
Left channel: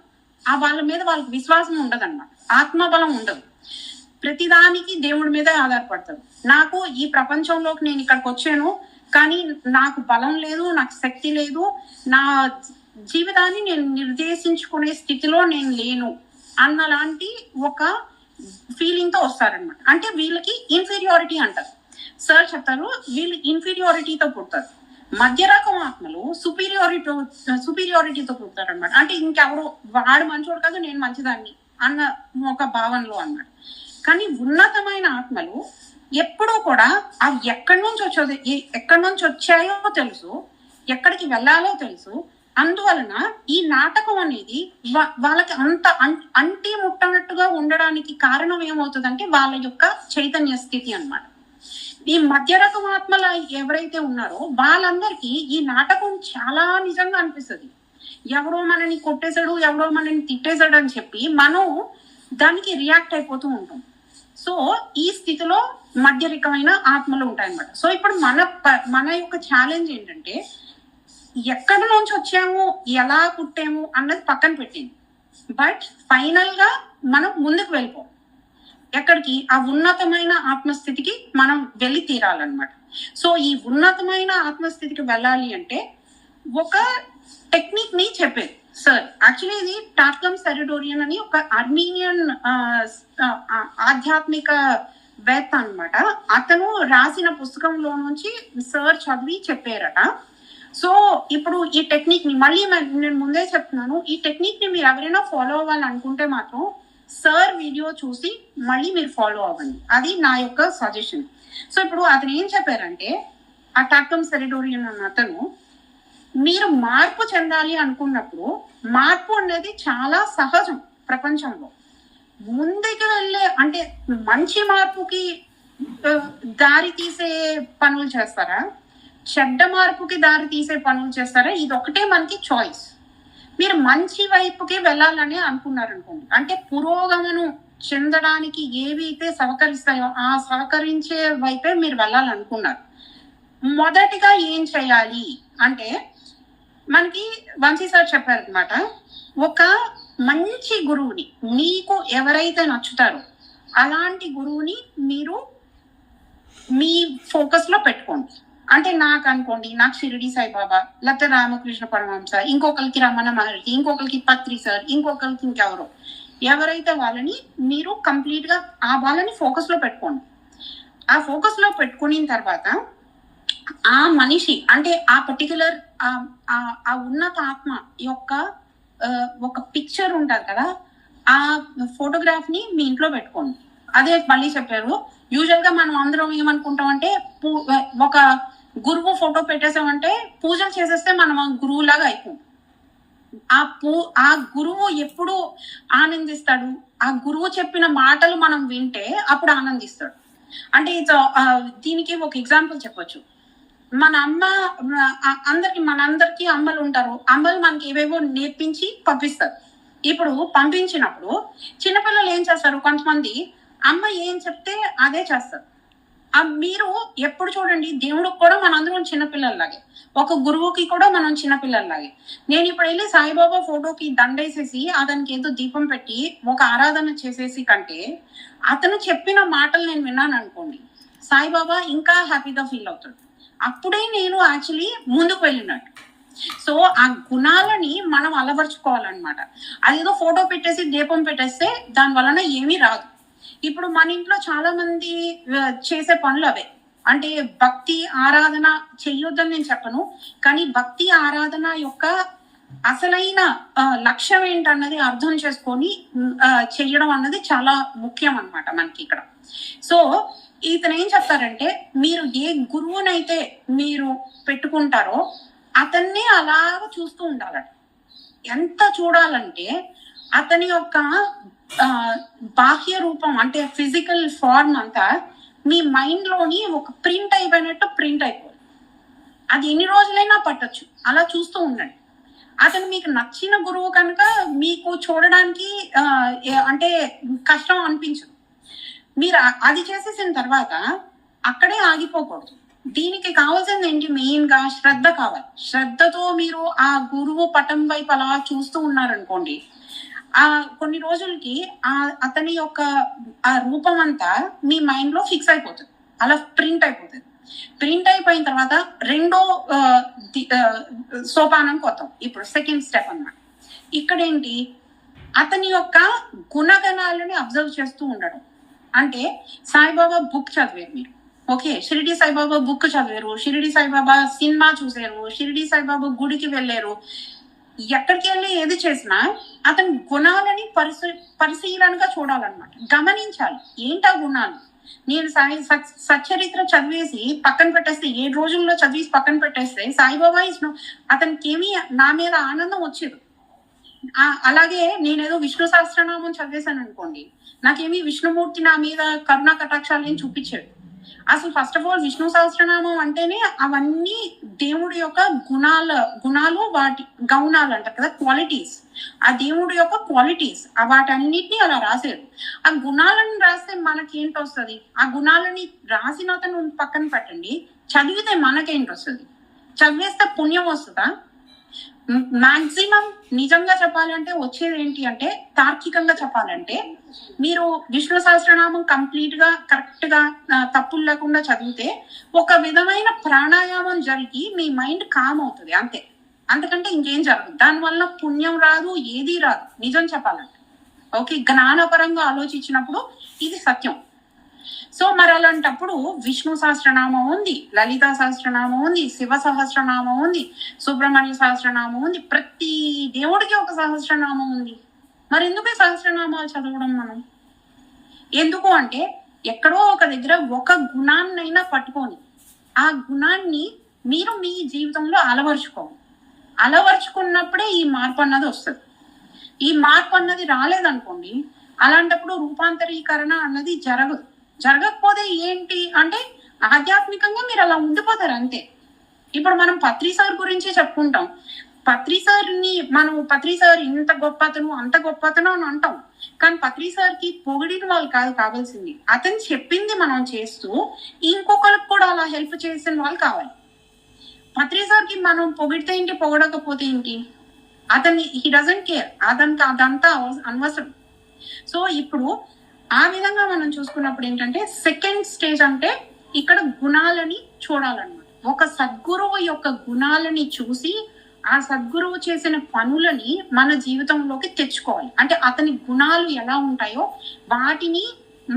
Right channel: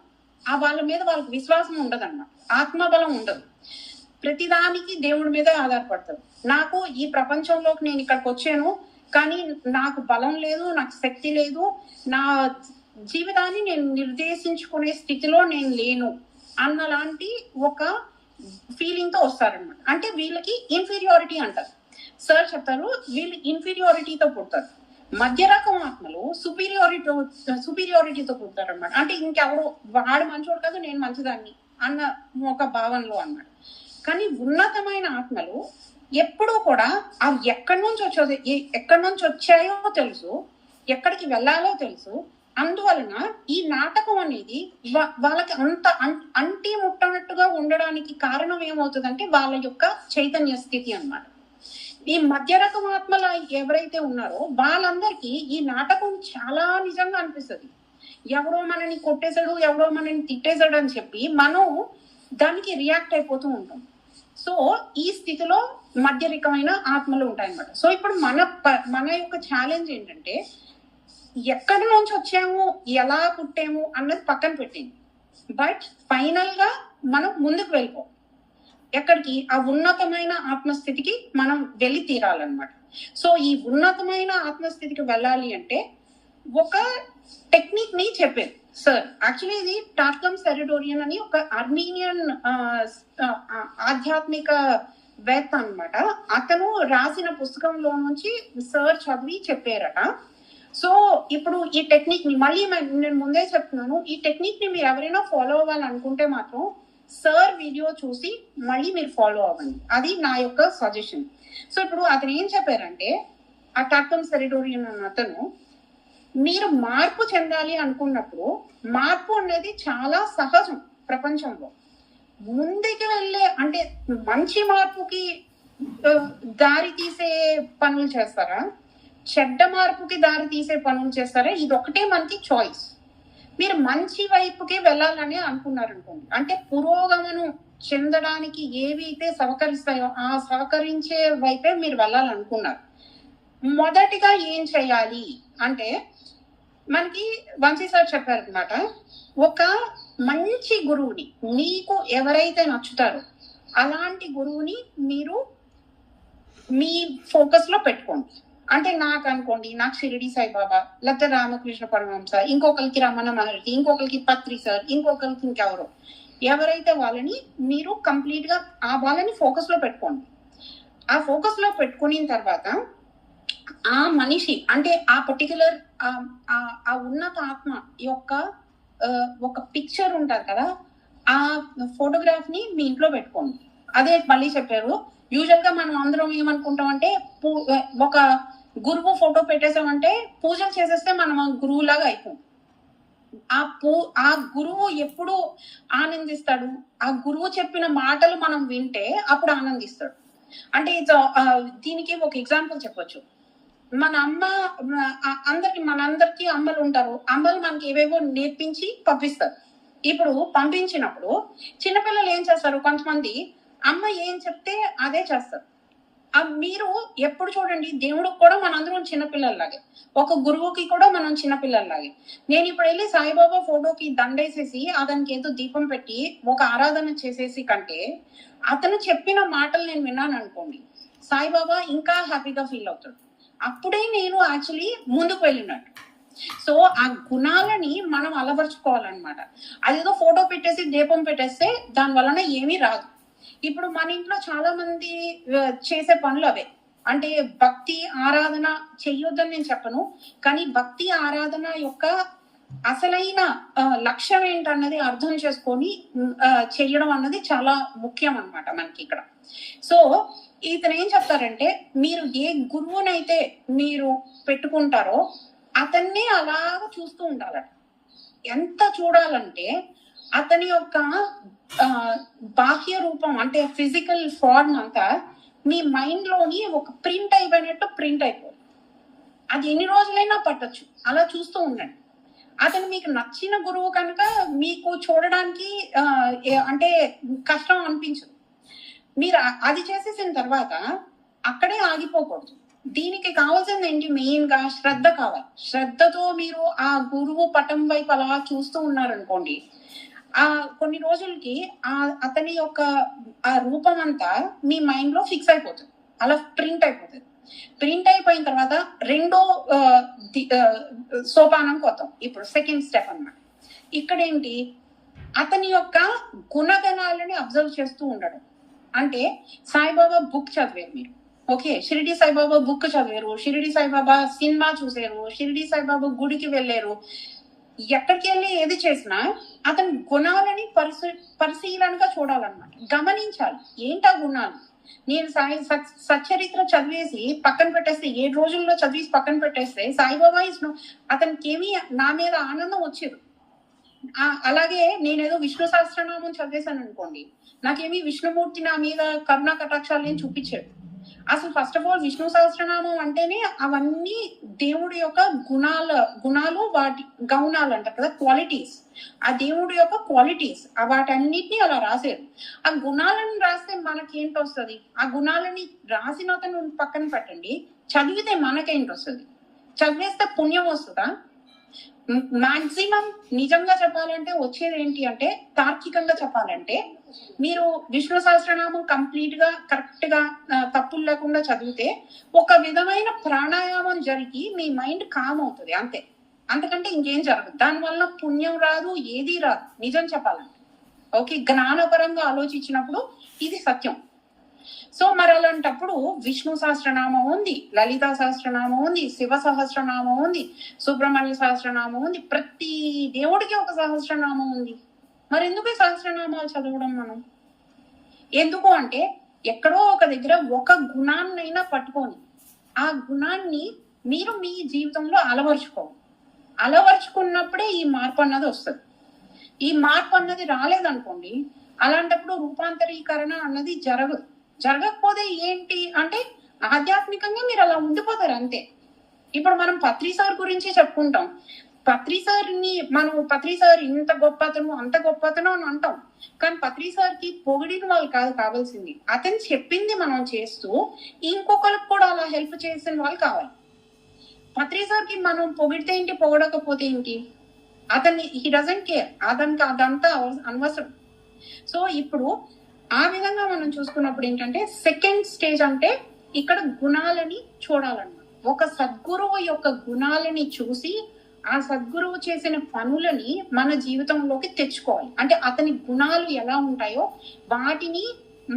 వాళ్ళ మీద వాళ్ళకి విశ్వాసం ఉండదు అనమాట, ఆత్మబలం ఉండదు, ప్రతిదానికి దేవుడి మీద ఆధారపడతారు. నాకు ఈ ప్రపంచంలోకి నేను ఇక్కడికి వచ్చాను కానీ నాకు బలం లేదు, నాకు శక్తి లేదు, నా జీవితాన్ని నేను నిర్దేశించుకునే స్థితిలో నేను లేను అన్నలాంటి ఒక ఫీలింగ్ తో వస్తారనమాట. అంటే వీళ్ళకి ఇన్ఫీరియారిటీ అంటారు. సార్ చెప్తారు, వీళ్ళు ఇన్ఫీరియారిటీతో పుడతారు. మధ్య రకం ఆత్మలు సుపీరియారిటీతో పుడతారు అనమాట. అంటే ఇంకెవరు వాడు మంచోడు కాదు, నేను మంచిదాన్ని అన్న ఒక భావనలో అన్నమాట. కానీ ఉన్నతమైన ఆత్మలు ఎప్పుడూ కూడా అవి ఎక్కడి నుంచి వచ్చాయో తెలుసు, ఎక్కడికి వెళ్ళాలో తెలుసు. అందువలన ఈ నాటకం అనేది వాళ్ళకి అంత అంటి ముట్టనట్టుగా ఉండడానికి కారణం ఏమవుతుందంటే వాళ్ళ యొక్క చైతన్య స్థితి అన్నమాట. ఈ మధ్య రకం ఆత్మలు ఎవరైతే ఉన్నారో వాళ్ళందరికీ ఈ నాటకం చాలా నిజంగా అనిపిస్తుంది. ఎవరో మనని కొట్టేశాడు, ఎవరో మనని తిట్టేశాడు అని చెప్పి మనం దానికి రియాక్ట్ అయిపోతూ ఉంటాం. సో ఈ స్థితిలో మధ్యరికమైన ఆత్మలు ఉంటాయన్నమాట. సో ఇప్పుడు మన యొక్క ఛాలెంజ్ ఏంటంటే ఎక్కడి నుంచి వచ్చాము, ఎలా పుట్టాము అన్నది పక్కన పెట్టింది. బట్ ఫైనల్ గా మనం ముందుకు వెళ్ళిపో, ఎక్కడికి? ఆ ఉన్నతమైన ఆత్మస్థితికి మనం వెళ్ళి తీరాలన్నమాట. సో ఈ ఉన్నతమైన ఆత్మస్థితికి వెళ్ళాలి అంటే ఒక టెక్నిక్ ని చెప్పేది సార్. యాక్చువల్లీ ఇది టార్కమ్ సెరిడోరియన్ అని ఒక అర్మీనియన్ ఆధ్యాత్మిక వేత్త అన్నమాట. అతను రాసిన పుస్తకంలో నుంచి సార్ చదివి చెప్పారట. సో ఇప్పుడు ఈ టెక్నిక్ ని మళ్ళీ నేను ముందే చెప్తున్నాను, ఈ టెక్నిక్ ని మీరు ఎవరైనా ఫాలో అవ్వాలనుకుంటే మాత్రం సార్ వీడియో చూసి మళ్ళీ మీరు ఫాలో అవ్వండి. అది నా యొక్క సజెషన్. సో ఇప్పుడు అతను ఏం చెప్పారంటే, ఆ టార్కమ్ సెరిడోరియన్ అన్న అతను, మీరు మార్పు చెందాలి అనుకున్నప్పుడు మార్పు అనేది చాలా సహజం ప్రపంచంలో. ముందుకు వెళ్ళే అంటే మంచి మార్పుకి దారి తీసే పనులు చేస్తారా, చెడ్డ మార్పుకి దారి తీసే పనులు చేస్తారా, ఇది ఒకటే మనకి చాయిస్. మీరు మంచి వైపుకి వెళ్ళాలని అనుకున్నారనుకోండి, అంటే పురోగమనం చెందడానికి ఏవి అయితే సహకరిస్తాయో ఆ సహకరించే వైపే మీరు వెళ్ళాలనుకున్నారు. మొదటిగా ఏం చేయాలి అంటే, మనకి వంశీ సార్ చెప్పారు అనమాట, ఒక మంచి గురువుని, మీకు ఎవరైతే నచ్చుతారో అలాంటి గురువుని మీరు మీ ఫోకస్ లో పెట్టుకోండి. అంటే నాకు అనుకోండి, నాకు షిరిడి సాయిబాబా, లేకపోతే రామకృష్ణ పరమహంస, ఇంకొకరికి రమణ మహర్షి, ఇంకొకరికి పత్రి సార్, ఇంకొకరికి ఇంకెవరో, ఎవరైతే వాళ్ళని మీరు కంప్లీట్ గా ఆ వాళ్ళని ఫోకస్ లో పెట్టుకోండి. ఆ ఫోకస్ లో పెట్టుకున్న తర్వాత ఆ మనిషి అంటే ఆ పర్టికులర్ ఆ ఉన్నత ఆత్మ యొక్క ఒక పిక్చర్ ఉంటుంది కదా, ఆ ఫోటోగ్రాఫ్ ని మీ ఇంట్లో పెట్టుకోండి. అదే మళ్ళీ చెప్పారు, యూజువల్ గా మనం అందరం ఏమనుకుంటాం అంటే, ఒక గురువు ఫోటో పెట్టేసామంటే పూజలు చేసేస్తే మనం గురువులాగా అయిపోతాం. ఆ గురువు ఎప్పుడు ఆనందిస్తాడు, ఆ గురువు చెప్పిన మాటలు మనం వింటే అప్పుడు ఆనందిస్తాడు. అంటే దీనికి ఒక ఎగ్జాంపుల్ చెప్పొచ్చు. మన అమ్మ మనందరికి అమ్మలు ఉంటారు. అమ్మలు మనకి ఏవేవో నేర్పించి పంపిస్తారు. ఇప్పుడు పంపించినప్పుడు చిన్నపిల్లలు ఏం చేస్తారు, కొంతమంది అమ్మ ఏం చెప్తే అదే చేస్తారు. మీరు ఎప్పుడు చూడండి, దేవుడికి కూడా మనందరం చిన్నపిల్లల్లాగే, ఒక గురువుకి కూడా మనం చిన్నపిల్లల్లాగే. నేను ఇప్పుడు వెళ్ళి సాయిబాబా ఫోటోకి దండేసేసి అతనికి ఏదో దీపం పెట్టి ఒక ఆరాధన చేసేసి కంటే, అతను చెప్పిన మాటలు నేను విన్నాను అనుకోండి, సాయిబాబా ఇంకా హ్యాపీగా ఫీల్ అవుతాడు. అప్పుడే నేను యాక్చువల్లీ ముందుకు వెళ్ళినట్టు. సో ఆ గుణాలని మనం అలవర్చుకోవాలన్నమాట. అదేదో ఫోటో పెట్టేసి దీపం పెట్టేస్తే దాని వలన ఏమీ రాదు. ఇప్పుడు మన ఇంట్లో చాలా మంది చేసే పనులు అవే. అంటే భక్తి ఆరాధన చెయ్యొద్దని నేను చెప్పను, కానీ భక్తి ఆరాధన యొక్క అసలైన లక్ష్యం ఏంటన్నది అర్థం చేసుకొని చెయ్యడం అన్నది చాలా ముఖ్యం అన్నమాట మనకి ఇక్కడ. సో ఇతను ఏం చెప్తారంటే, మీరు ఏ గురువునైతే మీరు పెట్టుకుంటారో అతన్ని అలాగ చూస్తూ ఉండాలట. ఎంత చూడాలంటే అతని యొక్క బాహ్య రూపం అంటే ఫిజికల్ ఫార్మ్ అంతా మీ మైండ్ లోని ఒక ప్రింట్ అయిపోయినట్టు ప్రింట్ అయిపోయింది. అది ఎన్ని రోజులైనా పట్టొచ్చు, అలా చూస్తూ ఉండండి. అతను మీకు నచ్చిన గురువు కనుక మీకు చూడడానికి అంటే కష్టం అనిపించదు. మీరు అది చేసేసిన తర్వాత అక్కడే ఆగిపోకూడదు. దీనికి కావాల్సింది ఏంటి, మెయిన్ గా శ్రద్ధ కావాలి. శ్రద్ధతో మీరు ఆ గురువు పటం వైపు అలా చూస్తూ ఉన్నారనుకోండి, కొన్ని రోజులకి అతని యొక్క ఆ రూపం అంతా మీ మైండ్ లో ఫిక్స్ అయిపోతుంది, అలా ప్రింట్ అయిపోతుంది. ప్రింట్ అయిపోయిన తర్వాత రెండో సోపానం కొత్తం, ఇప్పుడు సెకండ్ స్టెప్ అన్నమాట. ఇక్కడ ఏంటి, అతని యొక్క గుణగణాలని అబ్జర్వ్ చేస్తూ ఉండడం. అంటే సాయిబాబా బుక్ చదివారు మీరు, ఓకే, షిరిడి సాయిబాబా బుక్ చదివారు, షిరిడి సాయిబాబా సినిమా చూసారు, షిరిడి సాయిబాబా గుడికి వెళ్ళారు, ఎక్కడికి వెళ్ళి ఏది చేసినా అతని గుణాలని పరిశీలనగా చూడాలన్నమాట, గమనించాలి ఏంటా గుణాలు. నేను సచ్చరిత్ర చదివేసి పక్కన పెట్టేస్తే, 7 రోజుల్లో చదివేసి పక్కన పెట్టేస్తే సాయిబాబా అతనికి ఏమీ నా మీద ఆనందం వచ్చేది. అలాగే నేనేదో విష్ణు సహస్రనామం చదివేశాను అనుకోండి, నాకేమీ విష్ణుమూర్తి నా మీద కరుణా కటాక్షాలు ఏం చూపించాడు. అసలు first of all Vishnu Sahasranamam అంటేనే అవన్నీ దేవుడి యొక్క గుణాలు వాటి గౌణాలు అంటారు కదా, క్వాలిటీస్. ఆ దేవుడి యొక్క క్వాలిటీస్ వాటన్నిటిని అలా రాశారు. ఆ గుణాలను రాస్తే మనకేంటి వస్తుంది? ఆ గుణాలని రాసిన అతను పక్కన పెట్టండి, చదివితే మనకేంటి వస్తుంది? చదివేస్తే పుణ్యం వస్తుందా? మాక్సిమం నిజంగా చెప్పాలంటే వచ్చేది ఏంటి అంటే, తార్కికంగా చెప్పాలంటే మీరు విష్ణు సహస్రనామం కంప్లీట్ గా కరెక్ట్ గా తప్పులు లేకుండా చదివితే ఒక విధమైన ప్రాణాయామం జరిగి మీ మైండ్ కామ్ అవుతుంది, అంతే. అంతకంటే ఇంకేం జరగదు. దానివల్ల పుణ్యం రాదు, ఏది రాదు నిజం చెప్పాలంటే. ఓకే, జ్ఞానపరంగా ఆలోచించినప్పుడు ఇది సత్యం. సో మరి అలాంటప్పుడు విష్ణు సహస్రనామం ఉంది, లలితా సహస్రనామం ఉంది, శివ సహస్రనామం ఉంది, సుబ్రహ్మణ్య సహస్రనామం ఉంది, ప్రతి దేవుడికి ఒక సహస్రనామం ఉంది. మరి ఎందుకు సహస్రనామాలు చదవడం మనం? ఎందుకు అంటే ఎక్కడో ఒక దగ్గర ఒక గుణాన్నైనా పట్టుకొని ఆ గుణాన్ని మీరు మీ జీవితంలో అలవర్చుకున్నప్పుడే ఈ మార్పు అన్నది వస్తుంది. ఈ మార్పు అన్నది రాలేదనుకోండి, అలాంటప్పుడు రూపాంతరీకరణ అన్నది జరగకపోతే ఏంటి అంటే ఆధ్యాత్మికంగా మీరు అలా ఉండిపోతారు, అంతే. ఇప్పుడు మనం పత్రి సార్ గురించి చెప్పుకుంటాం. పత్రి సార్ ఇంత గొప్పతను అంత గొప్పతను అని అంటాం, కానీ పత్రి సార్కి పొగిడిన వాళ్ళు కాదు కావాల్సింది, అతను చెప్పింది మనం చేస్తూ ఇంకొకరికి కూడా అలా హెల్ప్ చేసిన వాళ్ళు కావాలి. పత్రి సార్కి మనం పొగిడితే ఏంటి, పొగడకపోతే ఏంటి, హీ డజంట్ కేర్, అదంతా అనవసరం. సో ఇప్పుడు ఆ విధంగా మనం చూసుకున్నప్పుడు ఏంటంటే సెకండ్ స్టేజ్ అంటే ఇక్కడ గుణాలని చూడాలన్నమాట. ఒక సద్గురువు యొక్క గుణాలని చూసి ఆ సద్గురువు చేసిన పనులని మన జీవితంలోకి తెచ్చుకోవాలి. అంటే అతని గుణాలు ఎలా ఉంటాయో వాటిని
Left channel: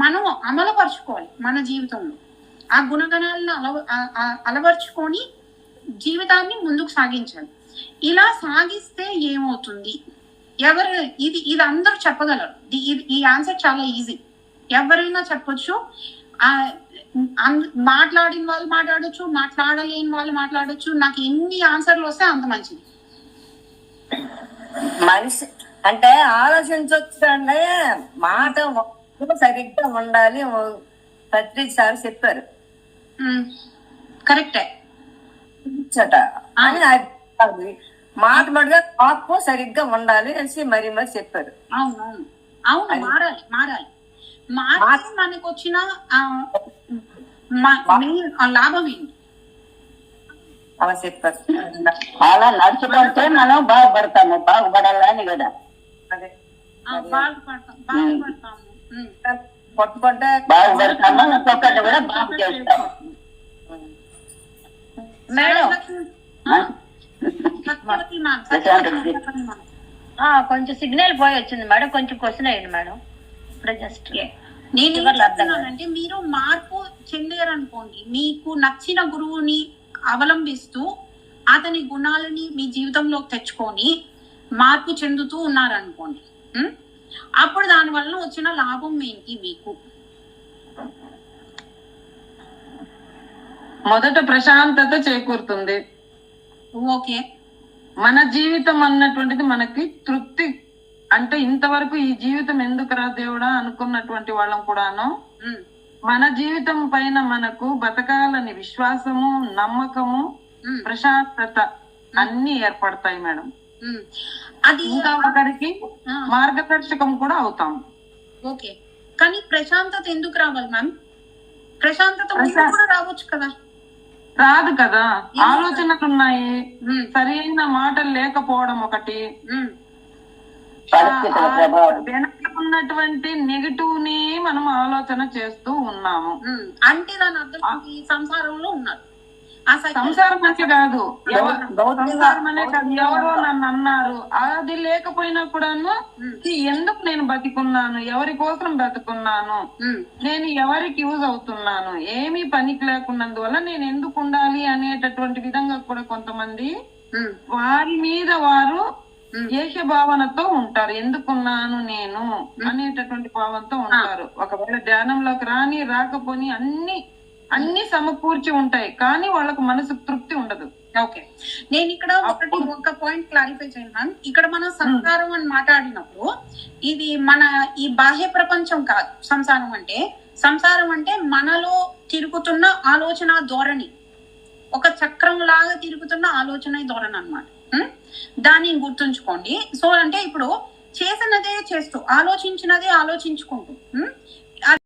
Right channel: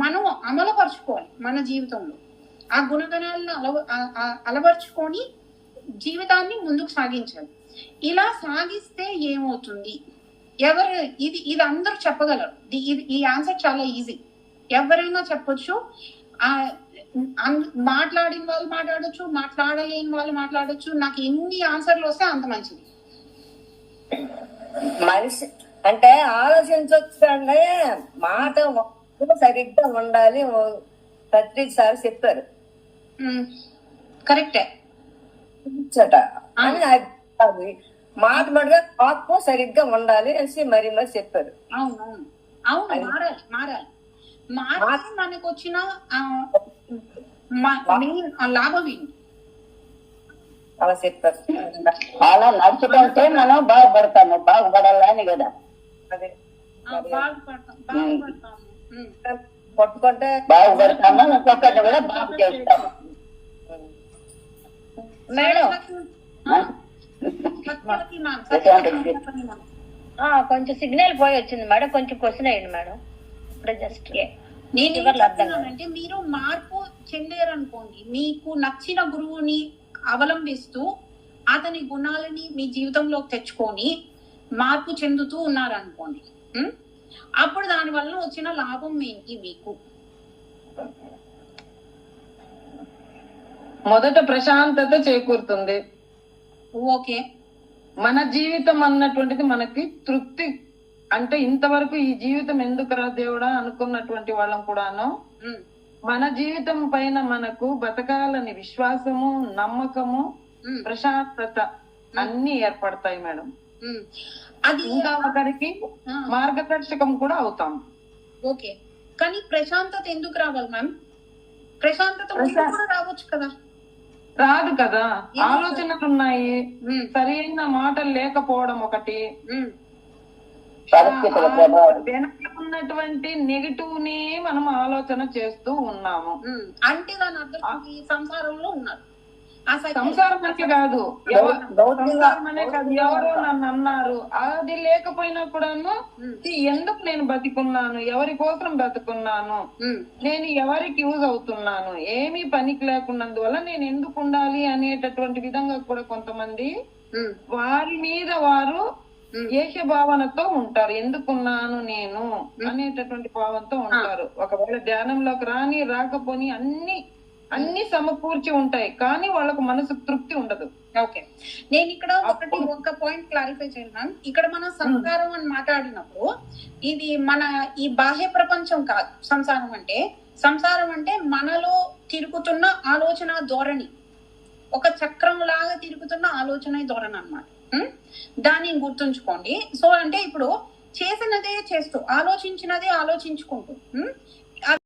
మనం అమలుపరుచుకోవాలి మన జీవితంలో. ఆ గుణగణాలను అలవర్చుకొని జీవితాన్ని ముందుకు సాగించాలి. ఇలా సాగిస్తే ఏమవుతుంది? ఇది అందరూ చెప్పగలరు. ఈ ఆన్సర్ చాలా ఈజీ, ఎవరైనా చెప్పొచ్చు. మాట్లాడిన వాళ్ళు మాట్లాడొచ్చు, మాట్లాడలేని వాళ్ళు మాట్లాడొచ్చు. నాకు ఎన్ని ఆన్సర్లు వస్తే అంత మంచిది. మనిషి అంటే ఆలోచించవచ్చు అంటే మాట సరిగ్గా ఉండాలి. ప్రతిసారి చెప్పారు కరెక్టే అని అది మాట మటుగా ఆత్మ సరిగ్గా ఉండాలి అనేసి మరి చెప్పారు. అవును మారాలి మనకు వచ్చిన లాభం ఏంటి? అలా చెప్పారు. అలా నడుచుకుంటే మనం బాగుపడాలని కదా. అదే పట్టుకుంటే బాగుపడతాము, ఇంకొకటి కూడా బాగు చేస్తాము. మేడం కొంచెం సిగ్నల్ పోయి వచ్చింది మేడం, కొంచెం క్వశ్చన్ అయ్యండి మేడం. జస్ట్ అంటే మీరు మార్పు చెందారనుకోండి, మీకు నచ్చిన గురువుని అవలంబిస్తూ అతని గుణాలని మీ జీవితంలో తెచ్చుకొని మార్పు చెందుతూ ఉన్నారనుకోండి, అప్పుడు దాని వల్ల వచ్చిన లాభం ఏంటి మీకు? మొదట ప్రశాంతత చేకూరుతుంది. ఓకే, మన జీవితం అన్నటువంటిది మనకి తృప్తి. అంటే ఇంతవరకు ఈ జీవితం ఎందుకురా దేవుడా అనుకున్నటువంటి వాళ్ళం కూడాను మన జీవితం పైన మనకు బతకాలని విశ్వాసము, నమ్మకము, ప్రశాంతత అన్ని ఏర్పడతాయి మేడం. అది ఇంకా ఒకరికి మార్గదర్శకం కూడా అవుతాం. ఓకే, కానీ ప్రశాంతత ఎందుకు రావాలి మ్యామ్? ప్రశాంతత కూడా రావచ్చు కదా? రాదు కదా, ఆలోచనలు ఉన్నాయి, సరి అయిన మాటలు లేకపోవడం ఒకటి, వెనక ఉన్నటువంటి నెగటివ్ ని మనం ఆలోచన చేస్తూ ఉన్నాము. అంటే దాని అర్థం సంసారంలో ఉన్నారు. సంసారం అంటే కాదు, సంసారం అనే కాదు, ఎవరో నన్ను అన్నారు అది లేకపోయినా కూడాను ఎందుకు నేను బతికున్నాను, ఎవరి కోసం బతుకున్నాను, నేను ఎవరికి యూజ్ అవుతున్నాను, ఏమీ పనికి లేకున్నందువల్ల నేను ఎందుకు ఉండాలి అనేటటువంటి విధంగా కూడా కొంతమంది వారి మీద వారు ఏక భావనతో ఉంటారు. ఎందుకున్నాను నేను అనేటటువంటి భావంతో ఉంటారు. ఒకవేళ ధ్యానంలోకి రాకపోని అన్ని సమకూర్చి ఉంటాయి, కానీ వాళ్ళకు మనసు తృప్తి ఉండదు. ఓకే, నేను ఇక్కడ ఒక పాయింట్ క్లారిఫై చేయాలి. ఇక్కడ మనం సంసారం అని మాట్లాడినప్పుడు ఇది మన ఈ బాహ్య ప్రపంచం కాదు. సంసారం అంటే మనలో తిరుగుతున్న ఆలోచన ధోరణి, ఒక చక్రం లాగా తిరుగుతున్న ఆలోచన ధోరణి అన్నమాట. దాన్ని గుర్తుంచుకోండి. సో అంటే ఇప్పుడు చేసినదే చేస్తూ, ఆలోచించినదే ఆలోచించుకుంటూ,